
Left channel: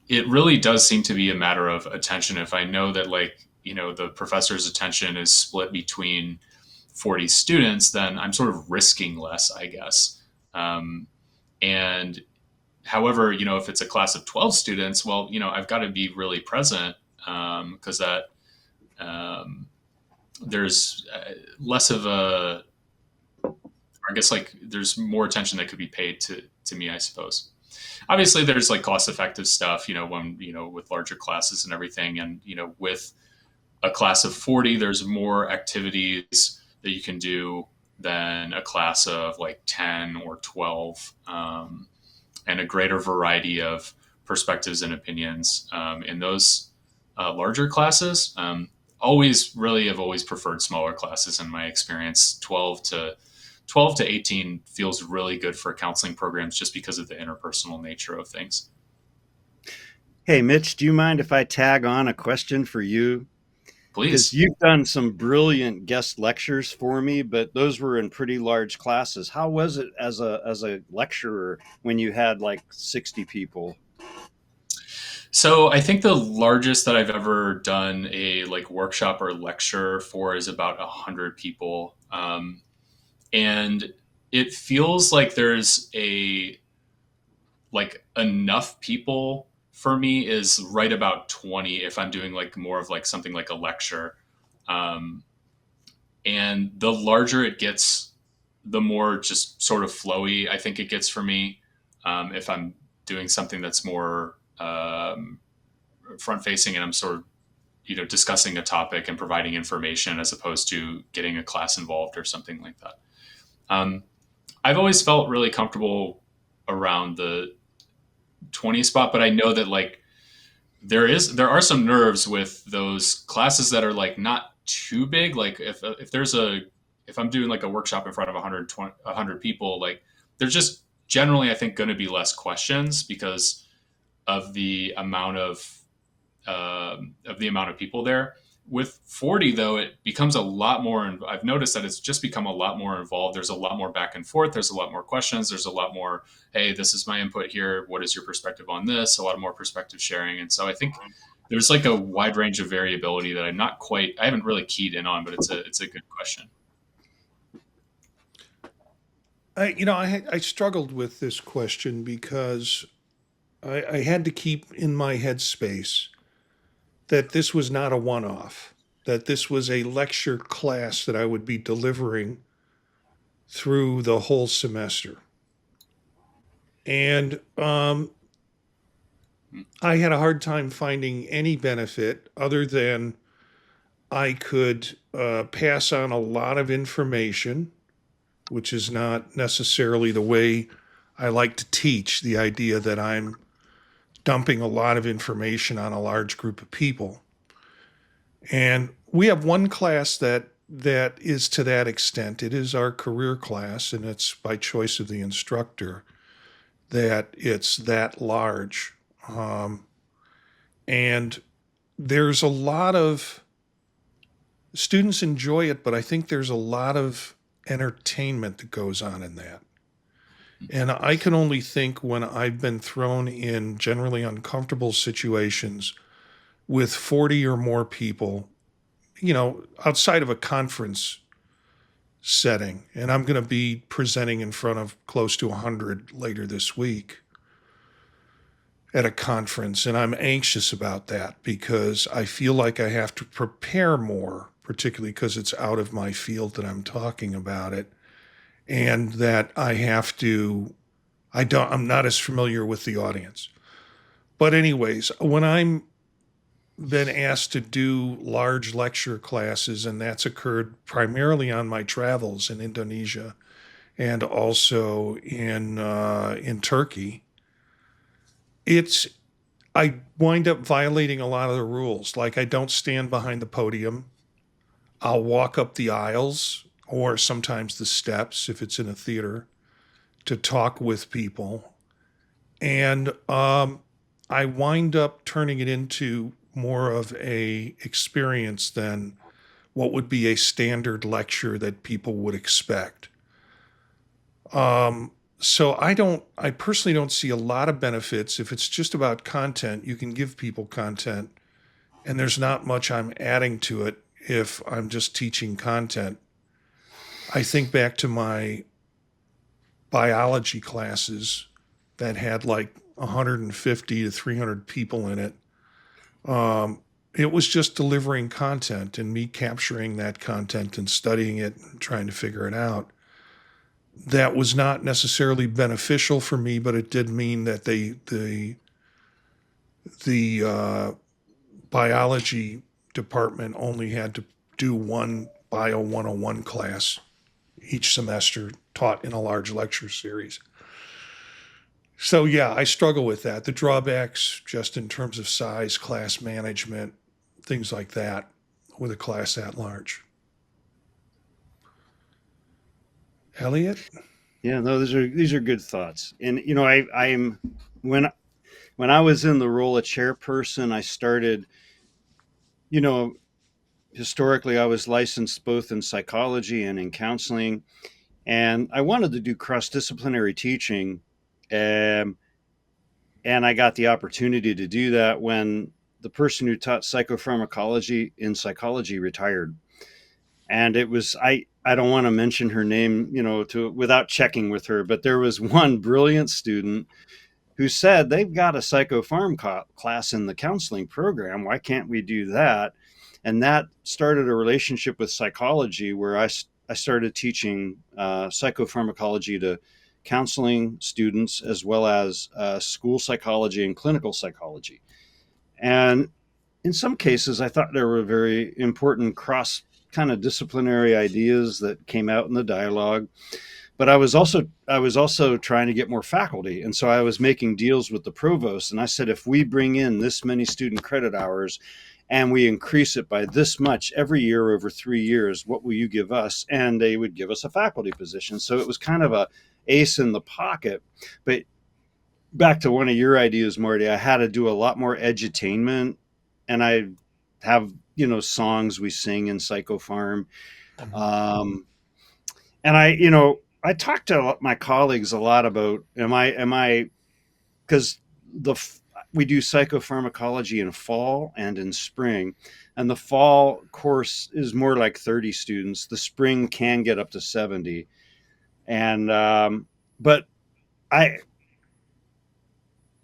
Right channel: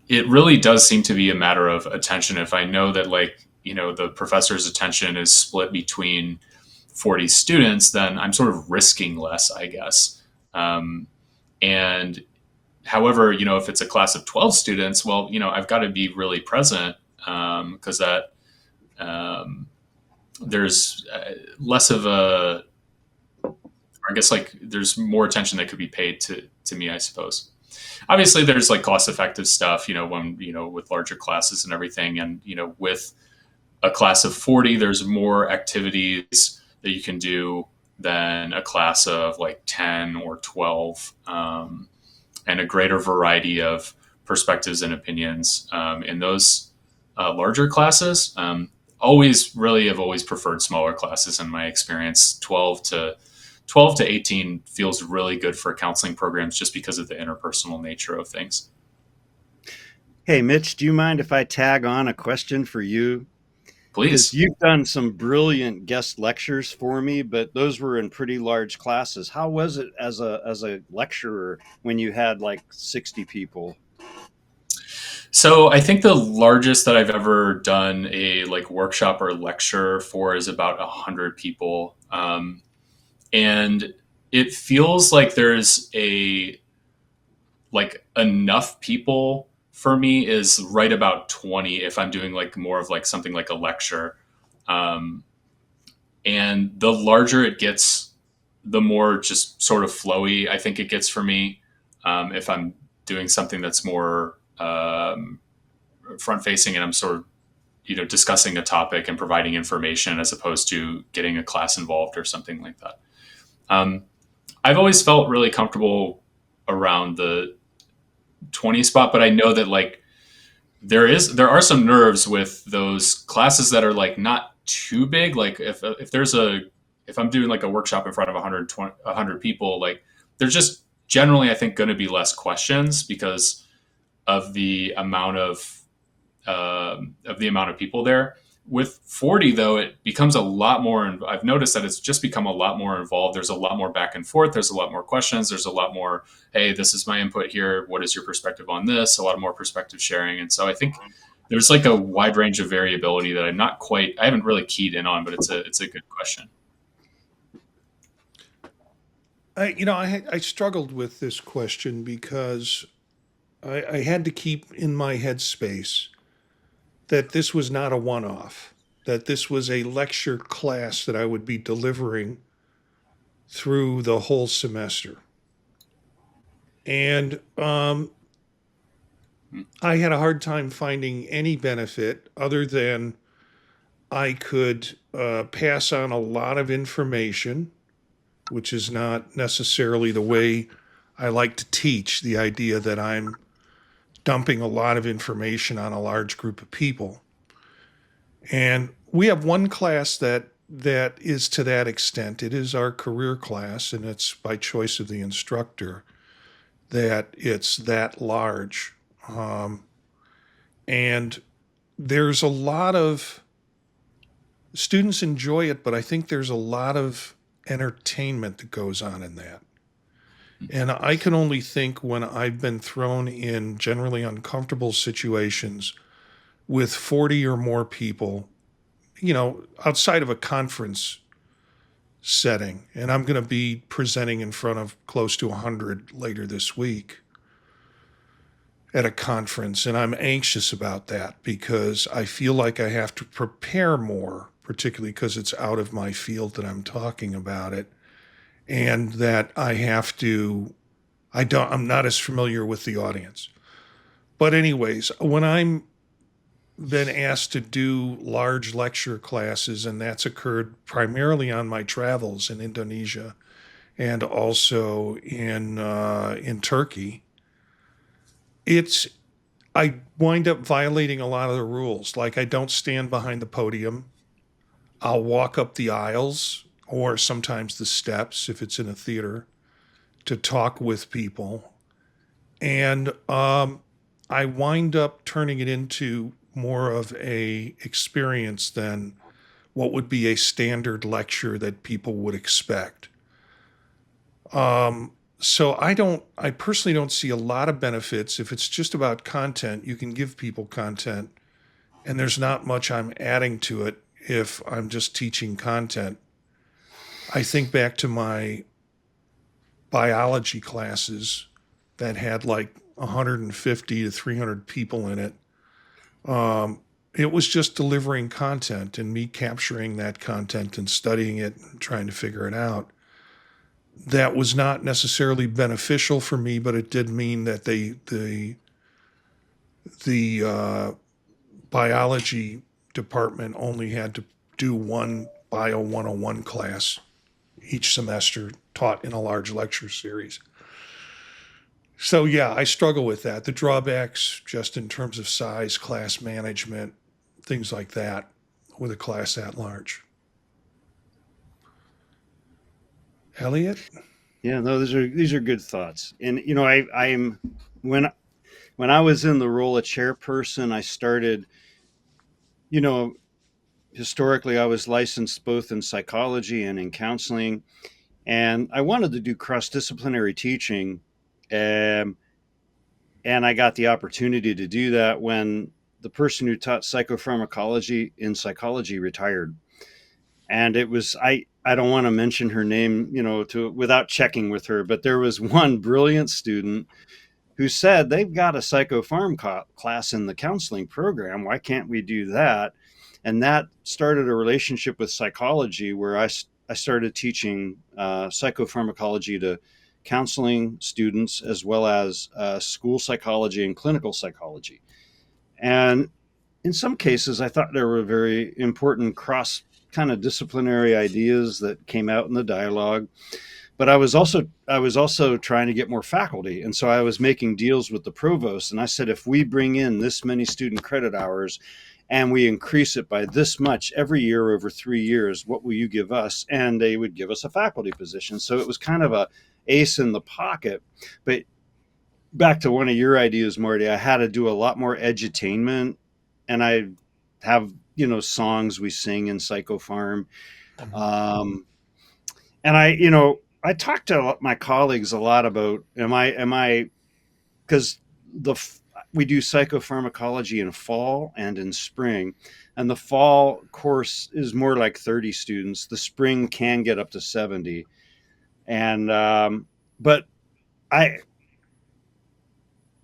it really does seem to be a matter of attention. If I know that the professor's attention is split between 40 students, then I'm sort of risking less, I guess. And however, if it's a class of 12 students, well, I've got to be really present because that there's less of a, I guess there's more attention that could be paid to me, I suppose. Obviously there's cost effective stuff, when, with larger classes and everything. And, with a class of 40, there's more activities that you can do than a class of 10 or 12, and a greater variety of perspectives and opinions in those larger classes. I've always preferred smaller classes in my experience. 12 to 18 feels really good for counseling programs just because of the interpersonal nature of things. Hey, Mitch, do you mind if I tag on a question for you? Please. Because you've done some brilliant guest lectures for me, but those were in pretty large classes. How was it as a lecturer when you had 60 people? So I think the largest that I've ever done a workshop or lecture for is about 100 people. And it feels like there's enough people for me is right about 20 if I'm doing more of something like a lecture. And the larger it gets, the more just sort of flowy I think it gets for me. If I'm doing something that's more front facing and I'm sort of, discussing a topic and providing information as opposed to getting a class involved or something like that. I've always felt really comfortable around the 20 spot, but I know that there are some nerves with those classes that are not too big. If I'm doing a workshop in front of 100 people, there's just generally, I think, going to be less questions because of the amount of people there. with 40 though, it becomes a lot more. I've noticed that it's just become a lot more involved. There's a lot more back and forth. There's a lot more questions. There's a lot more, hey, this is my input here. What is your perspective on this? A lot more perspective sharing. And so I think there's like a wide range of variability that I haven't really keyed in on, but it's a good question. I struggled with this question because I had to keep in my headspace that this was not a one-off, that this was a lecture class that I would be delivering through the whole semester. And I had a hard time finding any benefit other than I could pass on a lot of information, which is not necessarily the way I like to teach, the idea that I'm dumping a lot of information on a large group of people. And we have one class that is to that extent. It is our career class, and it's by choice of the instructor that it's that large. And there's a lot of students enjoy it, but I think there's a lot of entertainment that goes on in that. And I can only think when I've been thrown in generally uncomfortable situations with 40 or more people, outside of a conference setting. And I'm going to be presenting in front of close to 100 later this week at a conference. And I'm anxious about that because I feel like I have to prepare more, particularly because it's out of my field that I'm talking about it. And that I'm not as familiar with the audience. But anyways, when I'm been asked to do large lecture classes, and that's occurred primarily on my travels in Indonesia and also in Turkey, I wind up violating a lot of the rules. Like I don't stand behind the podium. I'll walk up the aisles or sometimes the steps if it's in a theater to talk with people. And I wind up turning it into more of a experience than what would be a standard lecture that people would expect. So I personally don't see a lot of benefits. If it's just about content, you can give people content and there's not much I'm adding to it if I'm just teaching content. I think back to my biology classes that had like 150 to 300 people in it. It was just delivering content and me capturing that content and studying it and trying to figure it out. That was not necessarily beneficial for me, but it did mean that the biology department only had to do one Bio 101 class each semester taught in a large lecture series. So yeah, I struggle with that. The drawbacks just in terms of size, class management, things like that with a class that large. Elliott? Yeah, no, these are good thoughts. And I'm when I was in the role of chairperson, I started, historically I was licensed both in psychology and in counseling, and I wanted to do cross-disciplinary teaching. And I got the opportunity to do that when the person who taught psychopharmacology in psychology retired. And it was, I don't want to mention her name, without checking with her, but there was one brilliant student who said, they've got a psychopharm class in the counseling program. Why can't we do that? And that started a relationship with psychology where I started teaching psychopharmacology to counseling students as well as school psychology and clinical psychology. And in some cases, I thought there were very important cross kind of disciplinary ideas that came out in the dialogue. But I was also trying to get more faculty. And so I was making deals with the provost. And I said, if we bring in this many student credit hours and we increase it by this much every year over 3 years, what will you give us? And they would give us a faculty position. So it was kind of a ace in the pocket. But back to one of your ideas, Marty, I had to do a lot more edutainment, and I have, songs we sing in Psychofarm. And I talked to my colleagues a lot about, because we do psychopharmacology in fall and in spring, and the fall course is more like 30 students. The spring can get up to 70. And but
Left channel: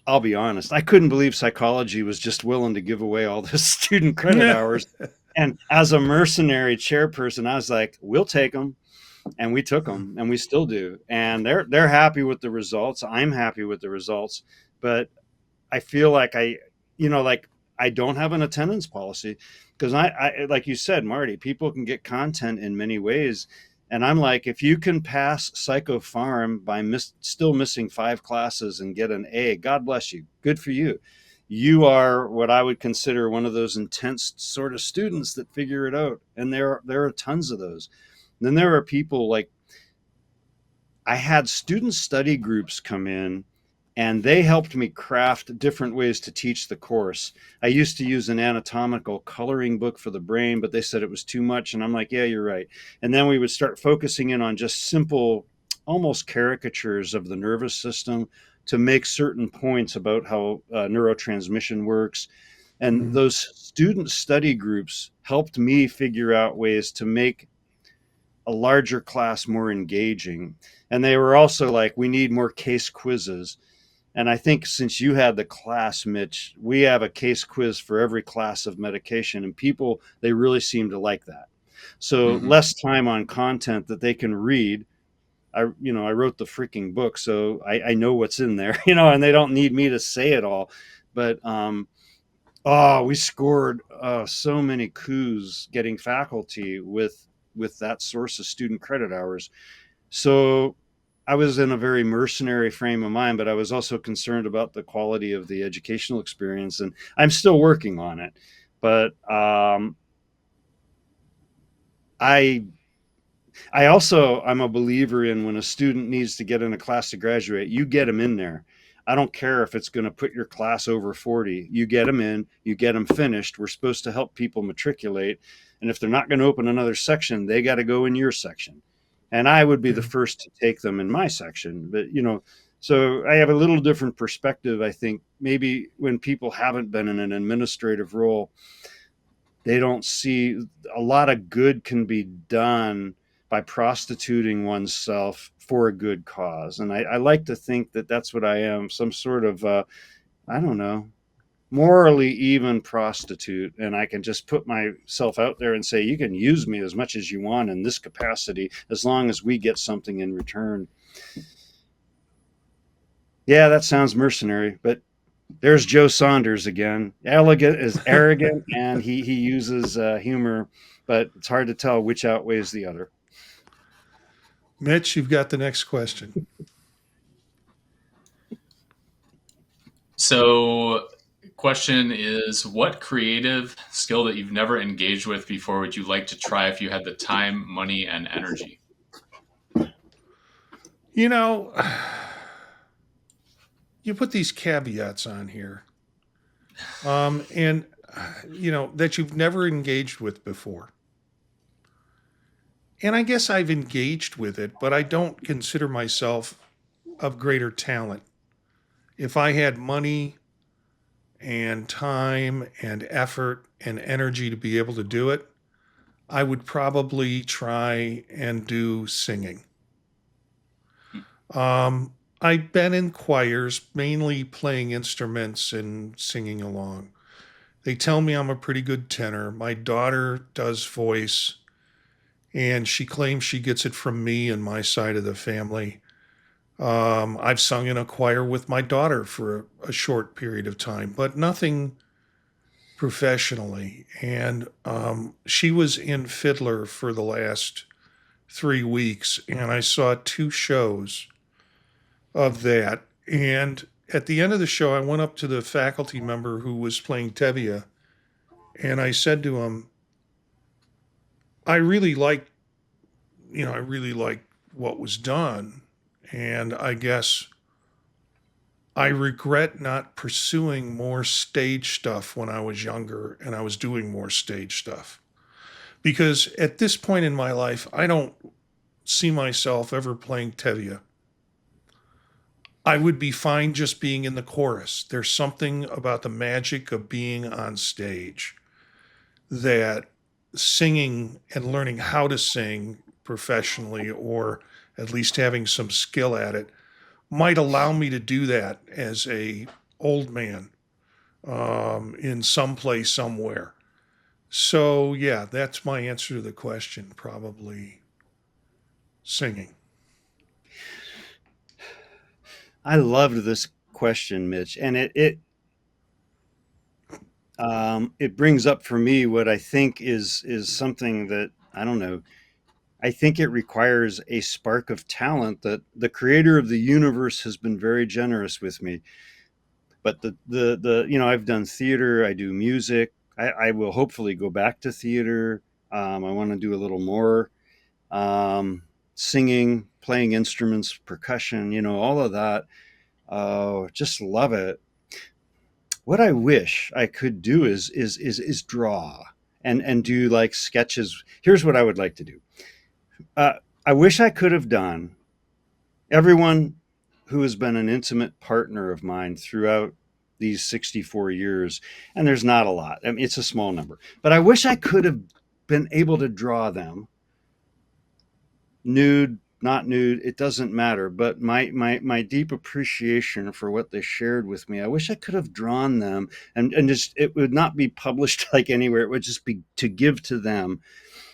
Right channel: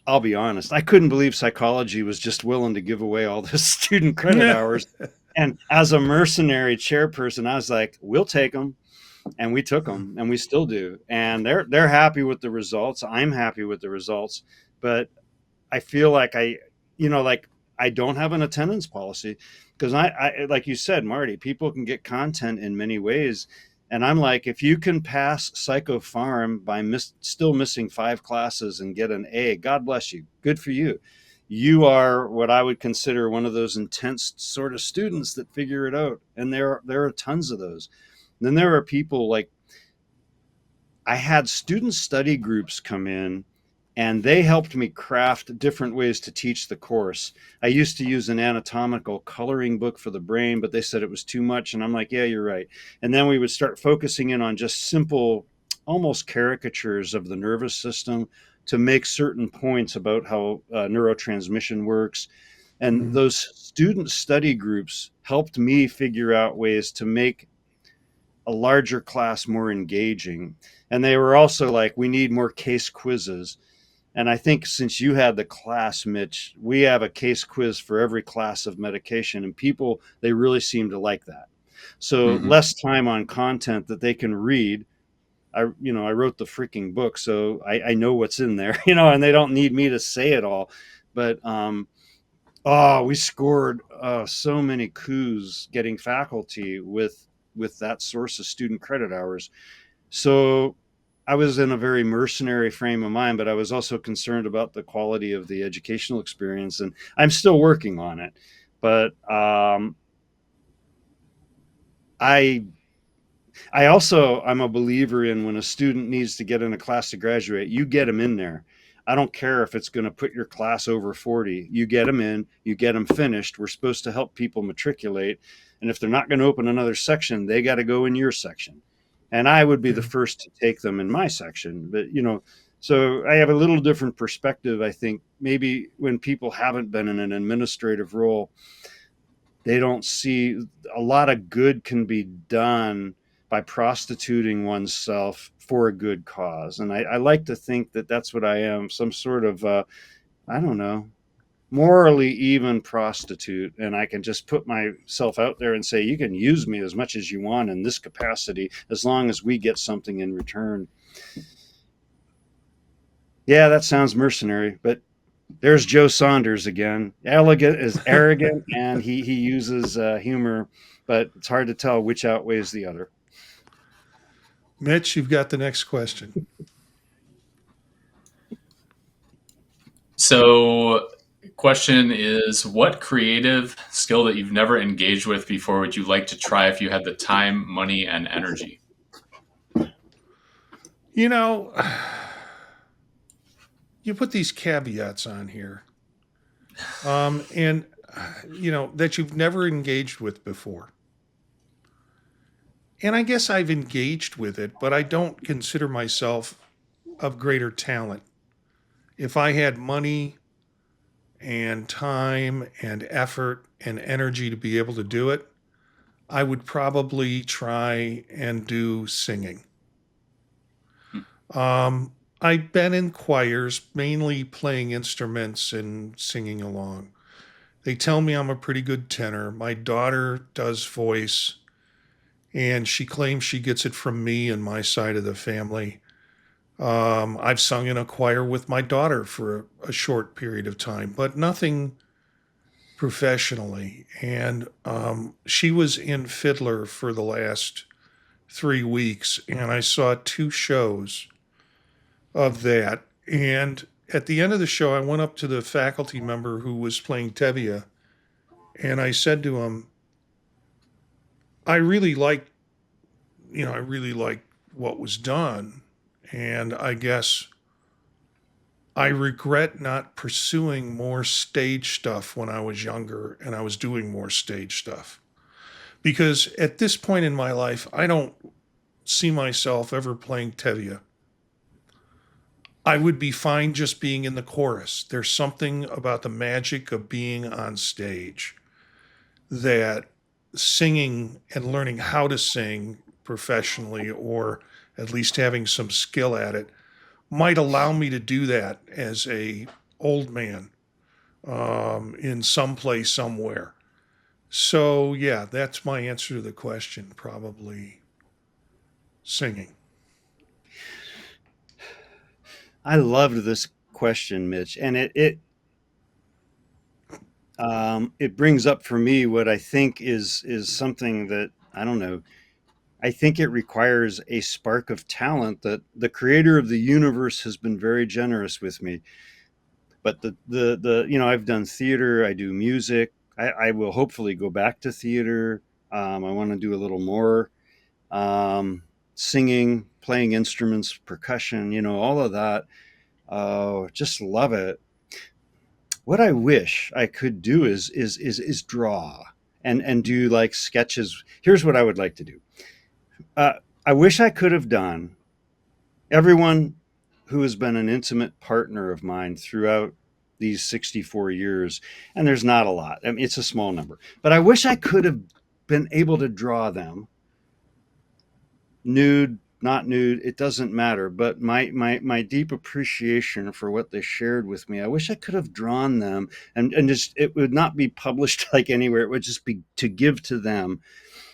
I'll be honest, I couldn't believe psychology was just willing to give away all this student credit hours. And as a mercenary chairperson, I was like, we'll take them. And we took them, and we still do. And they're happy with the results. I'm happy with the results. But I feel like I don't have an attendance policy, because I like you said, Marty, people can get content in many ways. And I'm like, if you can pass Psychopharm by still missing 5 classes and get an A, God bless you. Good for you. You are what I would consider one of those intense sort of students that figure it out. And there are tons of those. And then there are people like, I had student study groups come in, and they helped me craft different ways to teach the course. I used to use an anatomical coloring book for the brain, but they said it was too much. And I'm like, yeah, you're right. And then we would start focusing in on just simple, almost caricatures of the nervous system to make certain points about how neurotransmission works. And those student study groups helped me figure out ways to make a larger class more engaging. And they were also like, we need more case quizzes. And I think since you had the class, Mitch, we have a case quiz for every class of medication, and people, they really seem to like that. So less time on content that they can read. I wrote the freaking book, so I know what's in there, and they don't need me to say it all. But we scored so many coups getting faculty with that source of student credit hours. So I was in a very mercenary frame of mind, but I was also concerned about the quality of the educational experience, and I'm still working on it. But I'm a believer in, when a student needs to get in a class to graduate, you get them in there. I don't care if it's going to put your class over 40. You get them in, you get them finished. We're supposed to help people matriculate. And if they're not going to open another section, they got to go in your section. And I would be the first to take them in my section. But, so I have a little different perspective. I think maybe when people haven't been in an administrative role, they don't see a lot of good can be done by prostituting oneself for a good cause. And I like to think that that's what I am, some sort of, I don't know, morally even prostitute. And I can just put myself out there and say, you can use me as much as you want in this capacity, as long as we get something in return. Yeah, that sounds mercenary, but there's Joe Saunders again. Elegant is arrogant, and he uses humor, but it's hard to tell which outweighs the other. Mitch, you've got the next question. So, question is, what creative skill that you've never engaged with before would you like to try if you had the time, money, and energy? You put these caveats on here, and that you've never engaged with before. And I guess I've engaged with it, but I don't consider myself of greater talent. If I had money and time and effort and energy to be able to do it, I would probably try and do singing. I've been in choirs, mainly playing instruments and singing along. They tell me I'm a pretty good tenor. My daughter does voice, and she claims she gets it from me and my side of the family. I've sung in a choir with my daughter for a short period of time, but nothing professionally. And she was in Fiddler for the last 3 weeks, and I saw 2 shows of that. And at the end of the show, I went up to the faculty member who was playing Tevye, and I said to him, I really like what was done. And I guess I regret not pursuing more stage stuff when I was younger and I was doing more stage stuff. Because at this point in my life, I don't see myself ever playing Tevye. I would be fine just being in the chorus. There's something about the magic of being on stage that singing and learning how to sing professionally, or at least having some skill at it, might allow me to do that as a old man in some place somewhere. So yeah, that's my answer to the question. Probably singing. I loved this question, Mitch, and it brings up for me what I think is something that I don't know. I think it requires a spark of talent that the creator of the universe has been very generous with me. But I've done theater, I do music. I will hopefully go back to theater. I want to do a little more singing, playing instruments, percussion, all of that. Just love it. What I wish I could do is draw and do like sketches. Here's what I would like to do. I wish I could have done everyone who has been an intimate partner of mine throughout these 64 years, and there's not a lot. I mean, it's a small number, but I wish I could have been able to draw them nude, not nude, it doesn't matter. But my deep appreciation for what they shared with me, I wish I could have drawn them and just it would not be published like anywhere. It would just be to give to them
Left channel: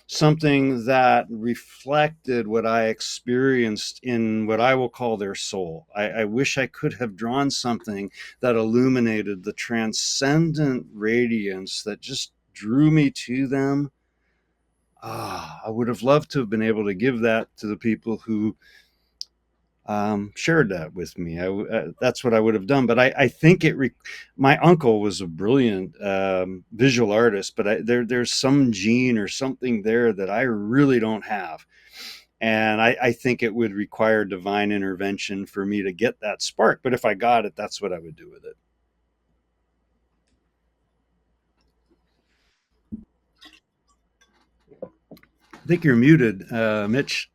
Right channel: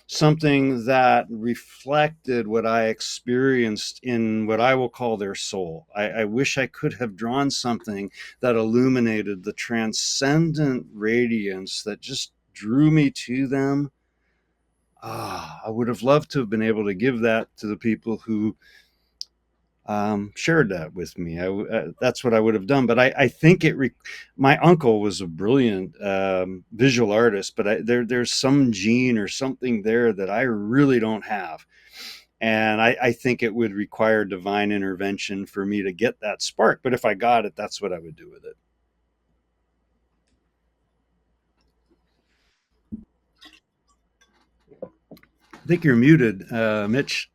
something that reflected what I experienced in what I will call their soul. I wish I could have drawn something that illuminated the transcendent radiance that just drew me to them. I would have loved to have been able to give that to the people who shared that with me. That's what I would have done. But I think my uncle was a brilliant visual artist, but there's some gene or something there that I really don't have. And I think it would require divine intervention for me to get that spark. But if I got it, that's what I would do with it. I think you're muted, Mitch.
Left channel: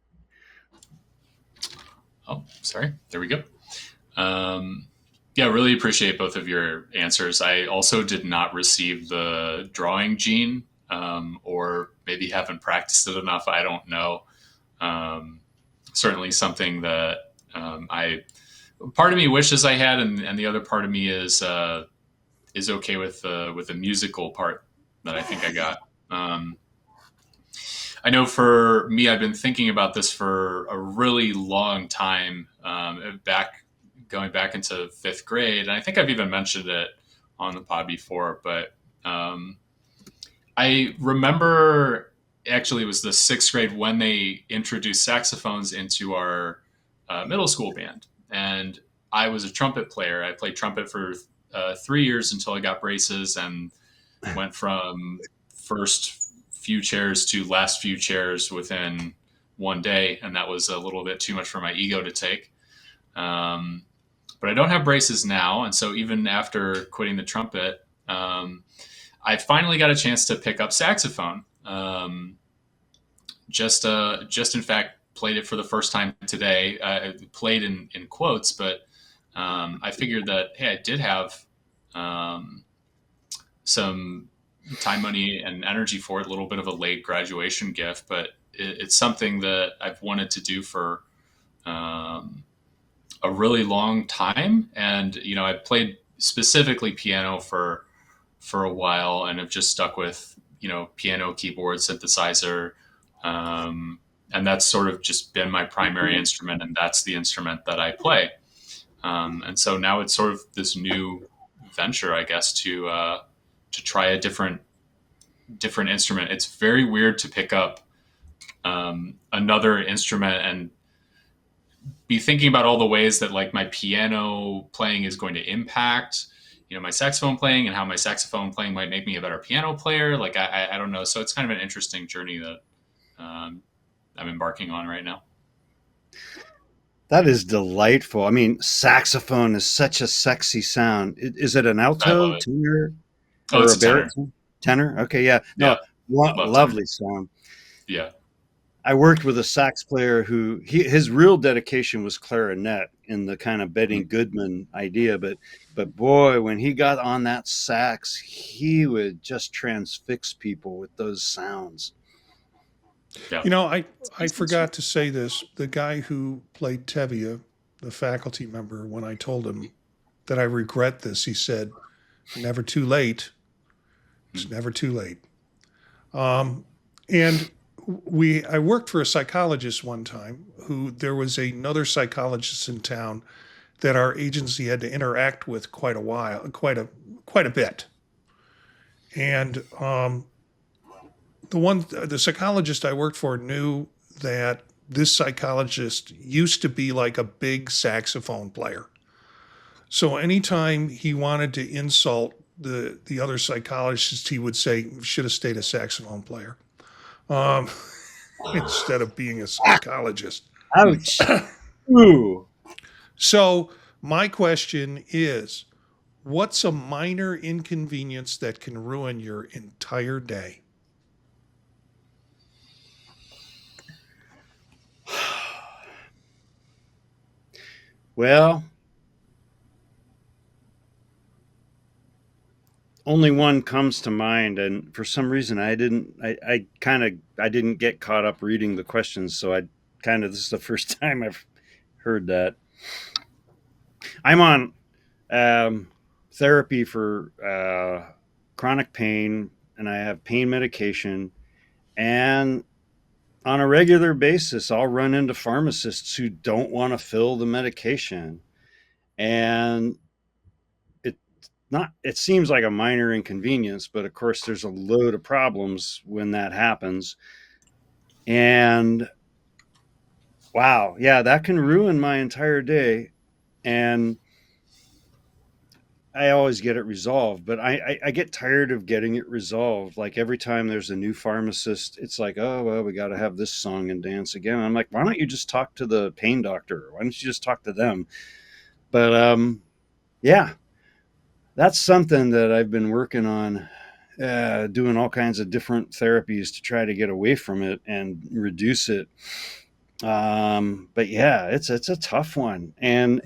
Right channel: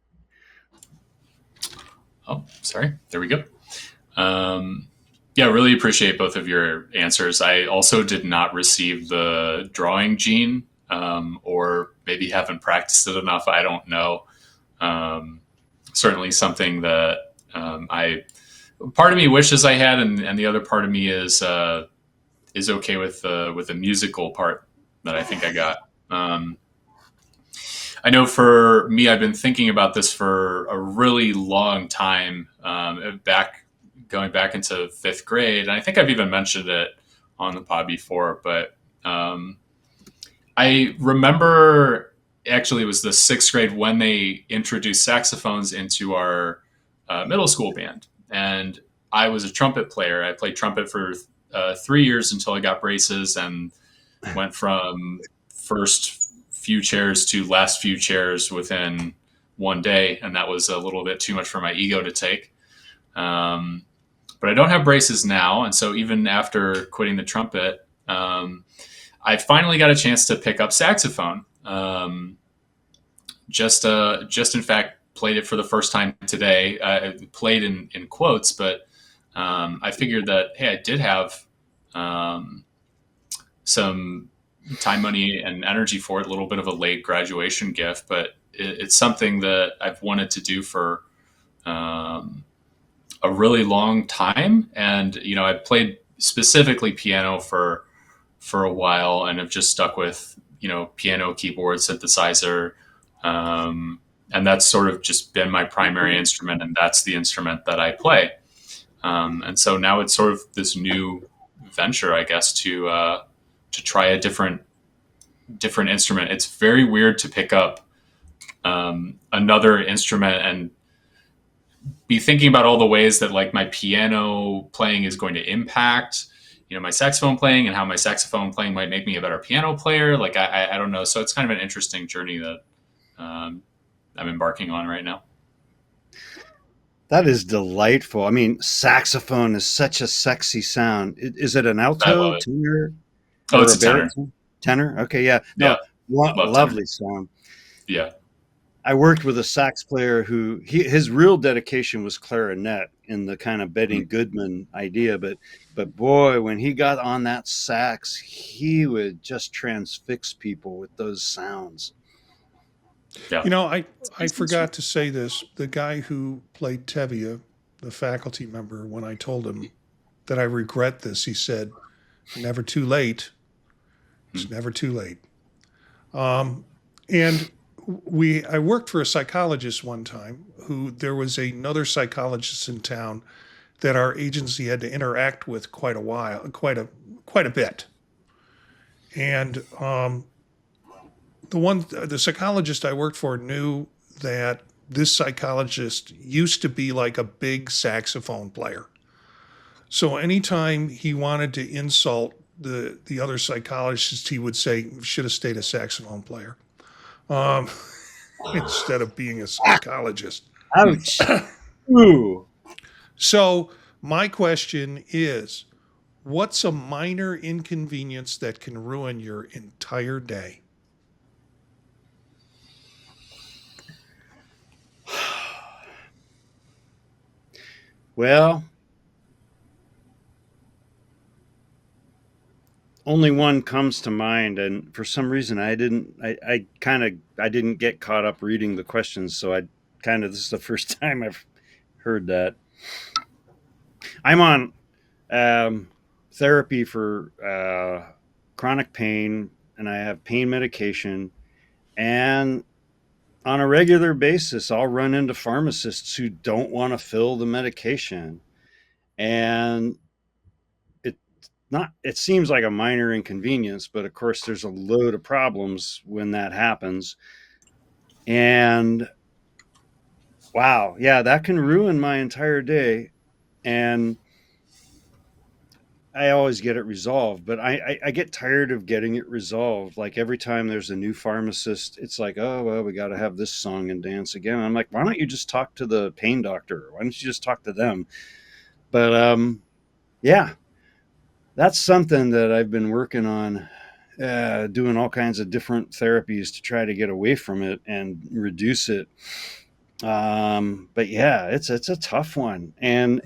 Oh, sorry. There we go. Yeah, really appreciate both of your answers. I also did not receive the drawing gene, or maybe haven't practiced it enough. I don't know. Certainly something that part of me wishes I had, and the other part of me is okay with the musical part that I think I got. I know for me, I've been thinking about this for a really long time, going back into fifth grade. And I think I've even mentioned it on the pod before, but I remember actually it was the sixth grade when they introduced saxophones into our middle school band. And I was a trumpet player. I played trumpet for 3 years until I got braces and went from first few chairs to last few chairs within one day, and that was a little bit too much for my ego to take. But I don't have braces now, and so even after quitting the trumpet, I finally got a chance to pick up saxophone. Just in fact played it for the first time today. I played in quotes, but I figured that, hey, I did have some time, money, and energy for it. A little bit of a late graduation gift, but it's something that I've wanted to do for a really long time. And I've played specifically piano for a while, and have just stuck with piano, keyboard, synthesizer, and that's sort of just been my primary instrument, and that's the instrument that I play. And so now it's sort of this new venture, I guess, to try a different instrument. It's very weird to pick up another instrument and be thinking about all the ways that like my piano playing is going to impact my saxophone playing, and how my saxophone playing might make me a better piano player. Like I don't know. So it's kind of an interesting journey that I'm embarking on right now. That is delightful. I mean, saxophone is such a sexy sound. Is it an I alto, love it. tenor, Oh, or it's a a tenor. baritone? Tenor? Okay, yeah. Yeah, No, I love tenor. lovely sound. Yeah. I worked with a sax player who his real dedication was clarinet in the kind of Betty Goodman idea, but boy, when he got on that sax, he would just transfix people with those sounds. Yeah. You know, I forgot to say this. The guy who played Tevye, the faculty member, when I told him that I regret this, he said, "Never too late. It's never too late." Um, and I worked for a psychologist one time who there was another psychologist in town that our agency had to interact with quite a bit. And the psychologist I worked for knew that this psychologist used to be like a big saxophone player. So anytime he wanted to insult the other psychologist, he would say, "Should have stayed a saxophone player," um, instead of being a psychologist. Ouch. Ooh. So my question is, what's a minor inconvenience that can ruin your entire day? Well, only one comes to mind, and for some reason I didn't get caught up reading the questions, so this is the first time I've heard that. I'm on therapy for chronic pain, and I have pain medication, and on a regular basis I'll run into pharmacists who don't want to fill the medication, and it seems like a minor inconvenience, but of course there's a load of problems when that happens. And wow, yeah, that can ruin my entire day. And I always get it resolved, but I get tired of getting it resolved. Like every time there's a new pharmacist, it's like, oh, well, we got to have this song and dance again. I'm like, why don't you just talk to the pain doctor? Why don't you just talk to them? But yeah, that's something that I've been working on, doing all kinds of different therapies to try to get away from it and reduce it. But yeah, it's a tough one, and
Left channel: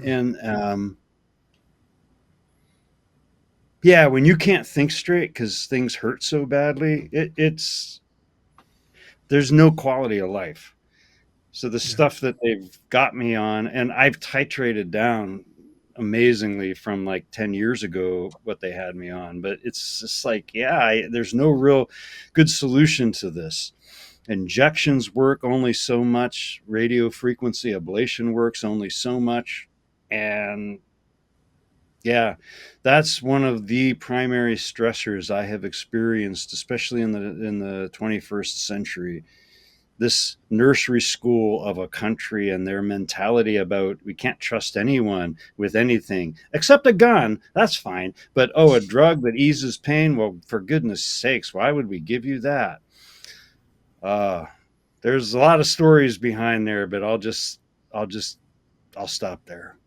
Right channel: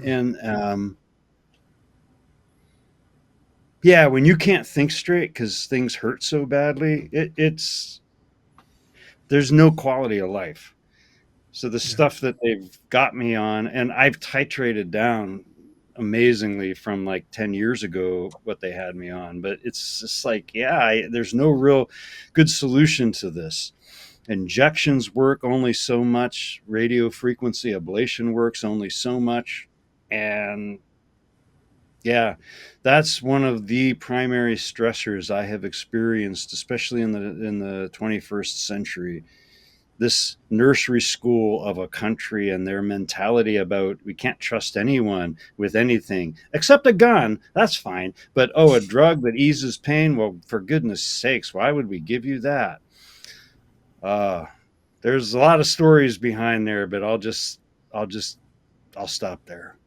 yeah, when you can't think straight because things hurt so badly, it's there's no quality of life. So the Yeah. stuff that they've got me on, and I've titrated down amazingly from like 10 years ago what they had me on, but it's just like, yeah, there's no real good solution to this. Injections work only so much, radio frequency ablation works only so much, and yeah, that's one of the primary stressors I have experienced, especially in the 21st century. This nursery school of a country and their mentality about we can't trust anyone with anything except a gun. That's fine. But oh, a drug that eases pain. Well, for goodness sakes, why would we give you that? Uh, there's a lot of stories behind there, but I'll just, I'll stop there.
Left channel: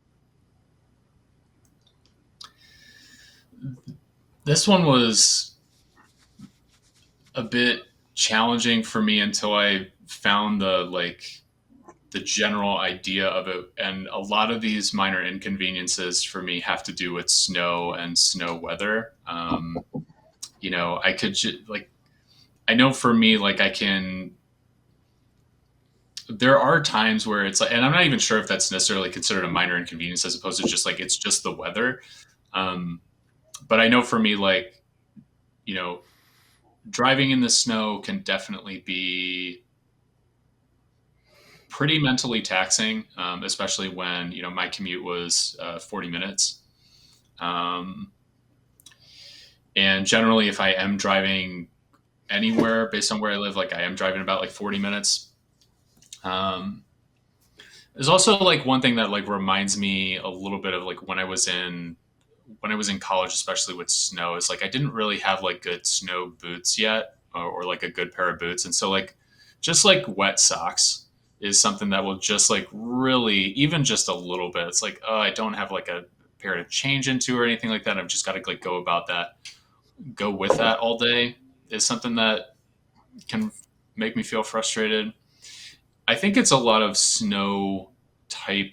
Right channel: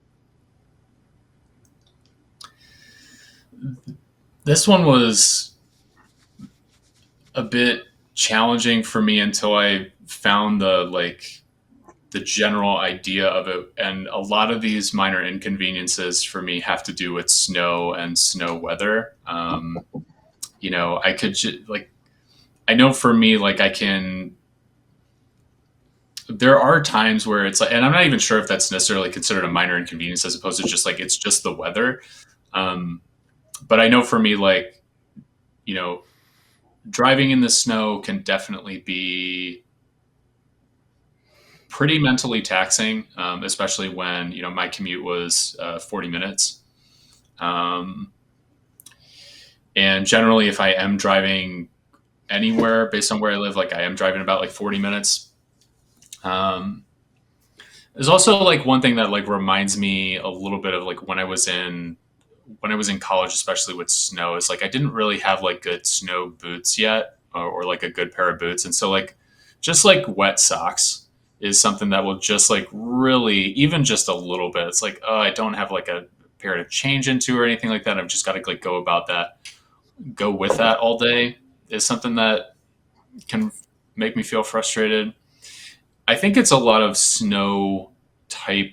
This one was a bit challenging for me until I found the general idea of it. And a lot of these minor inconveniences for me have to do with snow and snow weather. You know, I know for me, like there are times where it's like, and I'm not even sure if that's necessarily considered a minor inconvenience as opposed to just like, it's just the weather. But I know for me, like, you know, driving in the snow can definitely be pretty mentally taxing, especially when, you know, my commute was 40 minutes. And generally, if I am driving anywhere based on where I live, like I am driving about like 40 minutes. There's also like one thing that like reminds me a little bit of like when I was in college, especially with snow, is like I didn't really have like good snow boots yet, or like a good pair of boots, and so like just like wet socks is something that will just like really, even just a little bit. It's like, oh, I don't have like a period of change into or anything like that. I've just got to like go about that, go with that all day is something that can make me feel frustrated. I think it's a lot of snow type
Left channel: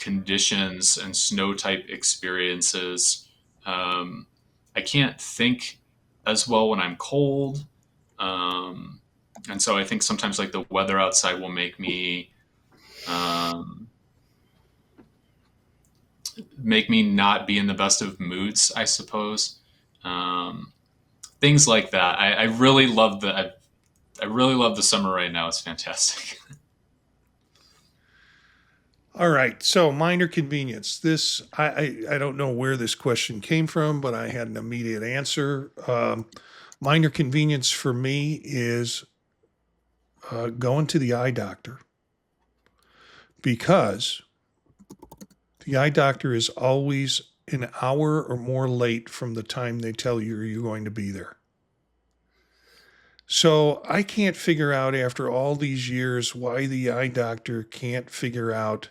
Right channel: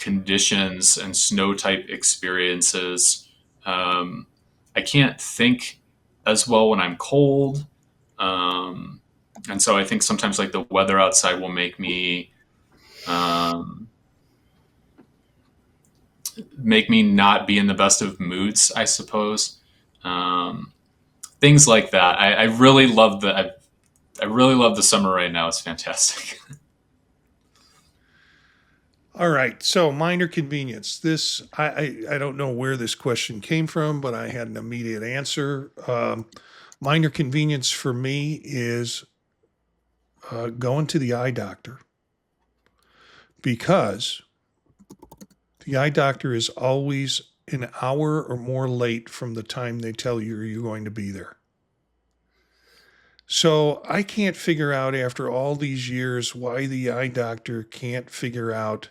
conditions and snow type experiences. I can't think as well when I'm cold. And so I think sometimes like the weather outside will um, make me not be in the best of moods, I suppose. Um, Things like that. I really love I really love the summer right now. It's fantastic. All right. So minor convenience. This I don't know where this question came from, but I had an immediate answer. Minor convenience for me is going to the eye doctor because the eye doctor is always an hour or more late from the time they tell you you're going to be there. So I can't figure out after all these years why the eye doctor can't figure out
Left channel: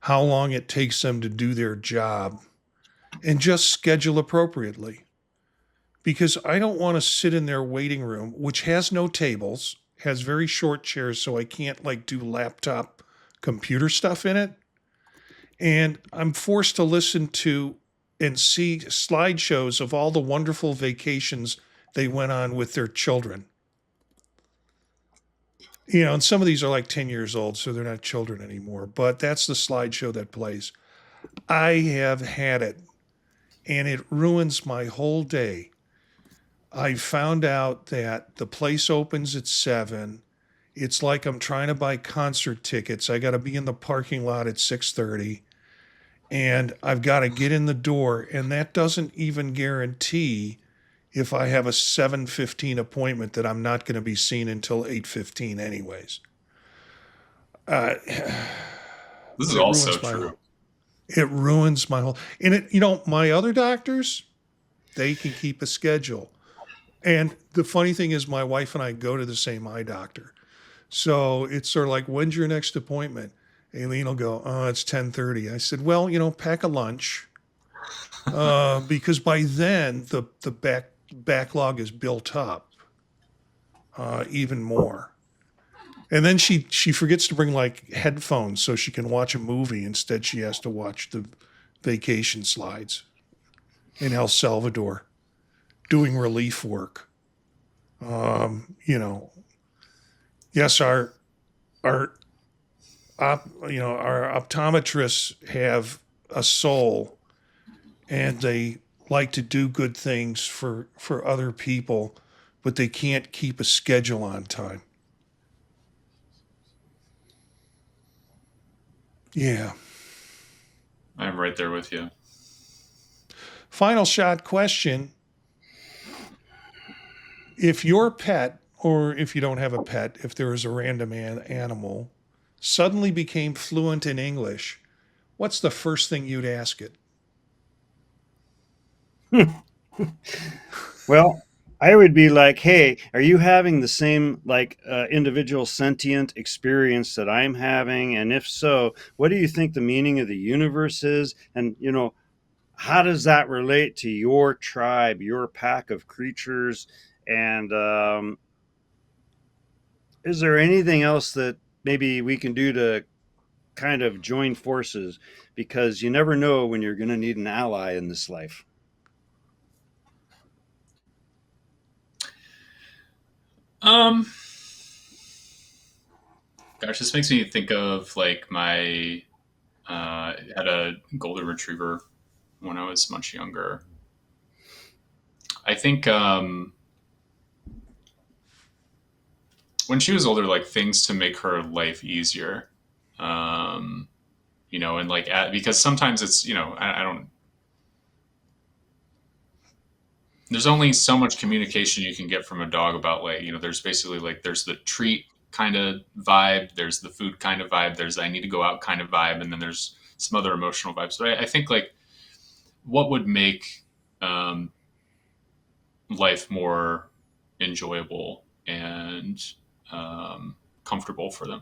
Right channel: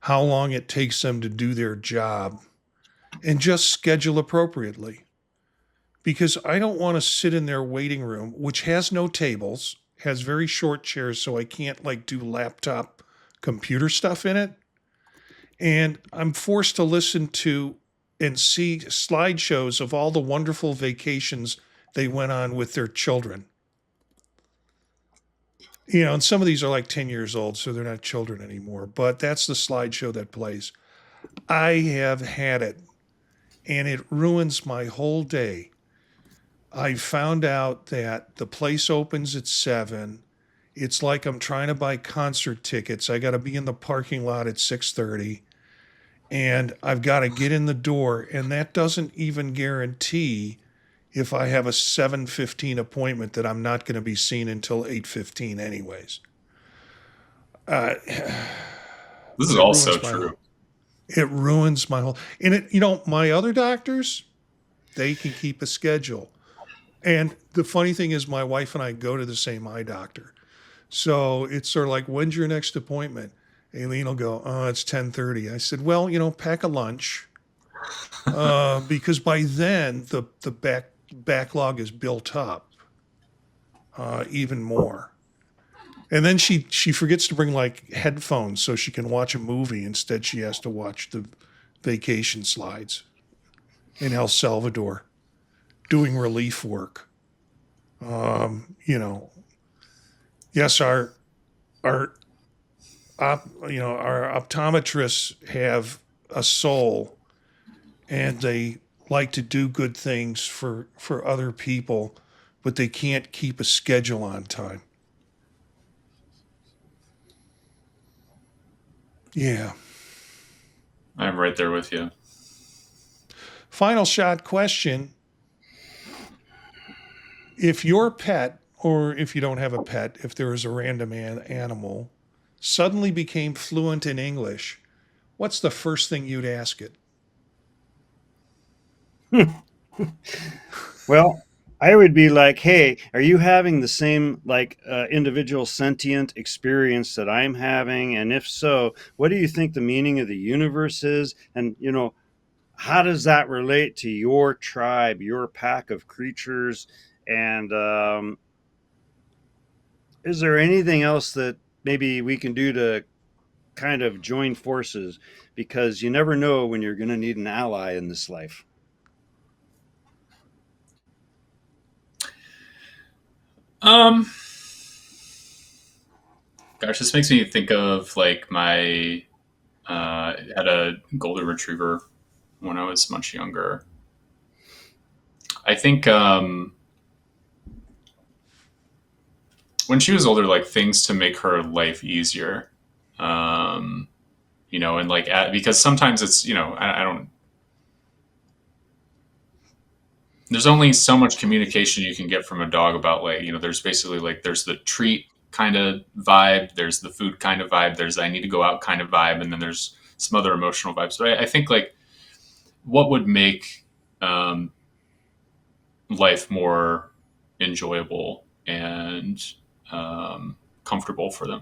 how long it takes them to do their job and just schedule appropriately. Because I don't want to sit in their waiting room, which has no tables, has very short chairs, so I can't like do laptop computer stuff in it. And I'm forced to listen to and see slideshows of all the wonderful vacations they went on with their children. You know, and some of these are like 10 years old, so they're not children anymore, but that's the slideshow that plays. I have had it, and it ruins my whole day. I found out that the place opens at 7. It's like I'm trying to buy concert tickets. I got to be in the parking lot at 6:30, and I've got to get in the door, and that doesn't even guarantee if I have a 7:15 appointment that I'm not going to be seen until 8:15 anyways. Uh, This but is also true. it ruins my whole, and my other doctors, they can keep a schedule. And the funny thing is my wife and I go to the same eye doctor. So it's sort of like, when's your next appointment? Aileen will go, oh, it's 10:30. I said, well, pack a lunch. Because by then the backlog is built up even more. And then she forgets to bring like headphones so she can watch a movie. Instead, she has to watch the vacation slides in El Salvador, doing relief work. Yes, our optometrists have a soul, and they like to do good things for other people, but they can't keep a schedule on time. Yeah. I'm right there with you. Final shot question. If your pet, or if you don't have a pet, if there is a random animal, suddenly became fluent in English, what's the first thing you'd ask it? Well, I would be like, hey, are you having the same like individual sentient experience that I'm having? And if so, what do you think the meaning of the universe is? And, how does that relate to your tribe, your pack of creatures? And is there anything else that maybe we can do to kind of join forces? Because you never know when you're going to need an ally in this life. Um, Gosh, this makes me think of like my had a golden retriever when I was much younger. I think when she was older, like things to make her life easier. Um, and like because sometimes it's I don't. There's only so much communication you can get from a dog about like there's basically like there's the treat kind of vibe, there's the food kind of vibe, there's I need to go out kind of vibe, and then there's some other emotional vibes. So I think like what would make um, life more enjoyable and comfortable for them.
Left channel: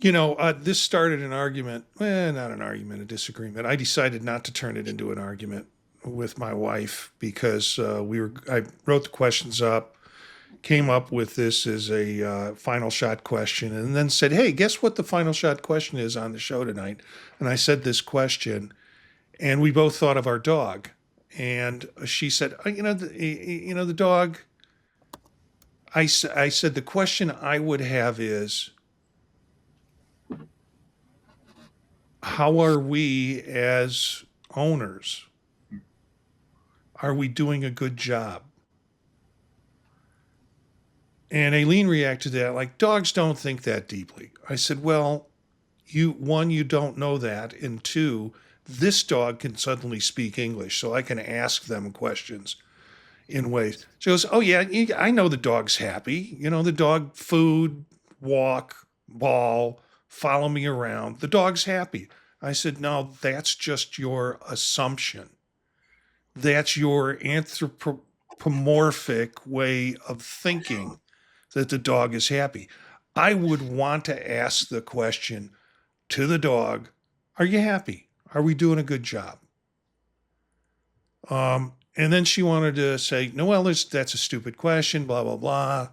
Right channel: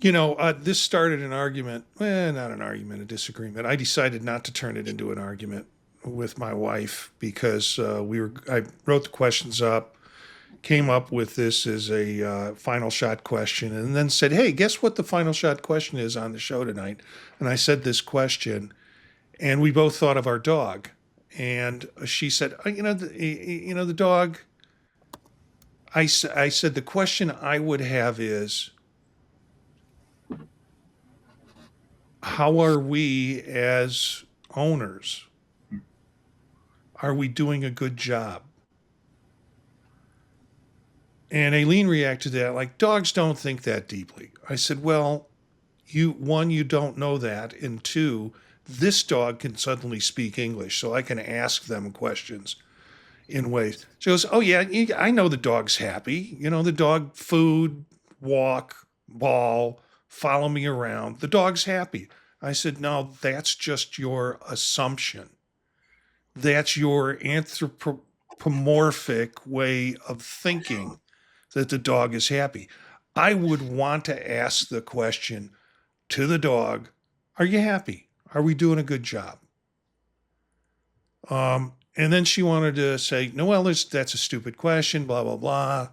This started an argument. Not an argument, a disagreement. I decided not to turn it into an argument with my wife because I wrote the questions up, came up with this as a final shot question, and then said, hey, guess what the final shot question is on the show tonight? And I said this question, and we both thought of our dog. And she said, the dog, I said, the question I would have is, how are we as owners? Are we doing a good job? And Aileen reacted to that like, dogs don't think that deeply. I said, well, you don't know that. And two, this dog can suddenly speak English, so I can ask them questions in ways. She goes, oh, yeah, I know the dog's happy. The dog, food, walk, ball, follow me around. The dog's happy. I said, no, that's just your assumption. That's your anthropomorphic way of thinking that the dog is happy. I would want to ask the question to the dog, are you happy? Are we doing a good job? And then she wanted to say, no, well, that's a stupid question, blah, blah, blah.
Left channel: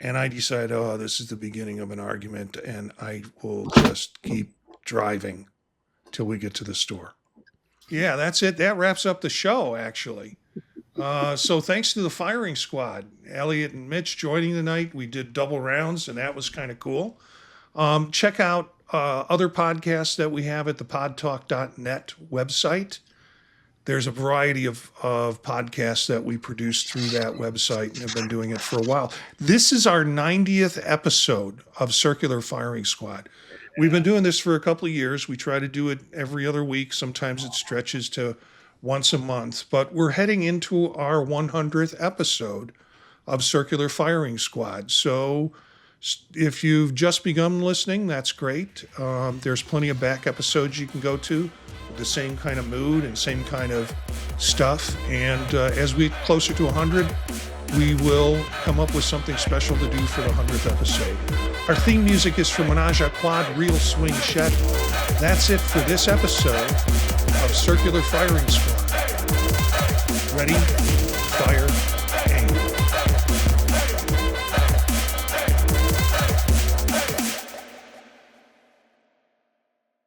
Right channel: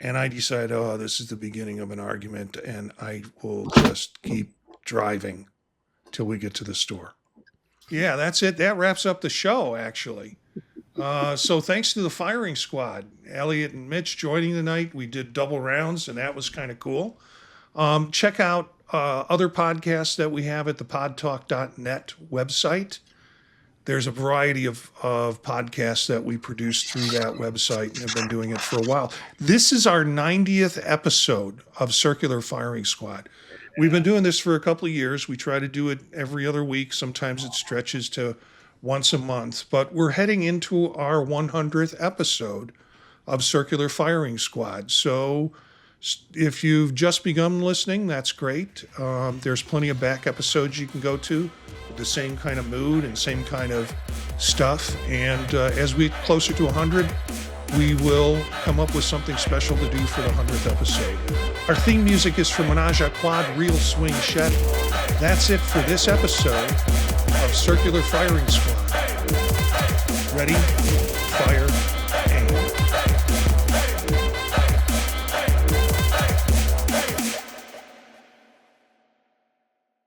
And I decided, this is the beginning of an argument, and I will just keep driving till we get to the store. Yeah, that's it. That wraps up the show, actually. So thanks to the firing squad, Elliott and Mitch joining tonight. We did double rounds, and that was kind of cool. Check out other podcasts that we have at the podtalk.net website. There's a variety of podcasts that we produce through that website and have been doing it for a while. This is our 90th episode of Circular Firing Squad. We've been doing this for a couple of years. We try to do it every other week. Sometimes it stretches to once a month, but we're heading into our 100th episode of Circular Firing Squad. So if you've just begun listening, that's great. There's plenty of back episodes you can go to with the same kind of mood and same kind of stuff. And as we get closer to 100, we will come up with something special to do for the 100th episode. Our theme music is from Menage a Quad, Real Swing Shed. That's it for this episode of Circular Firing Squad. Ready, fire,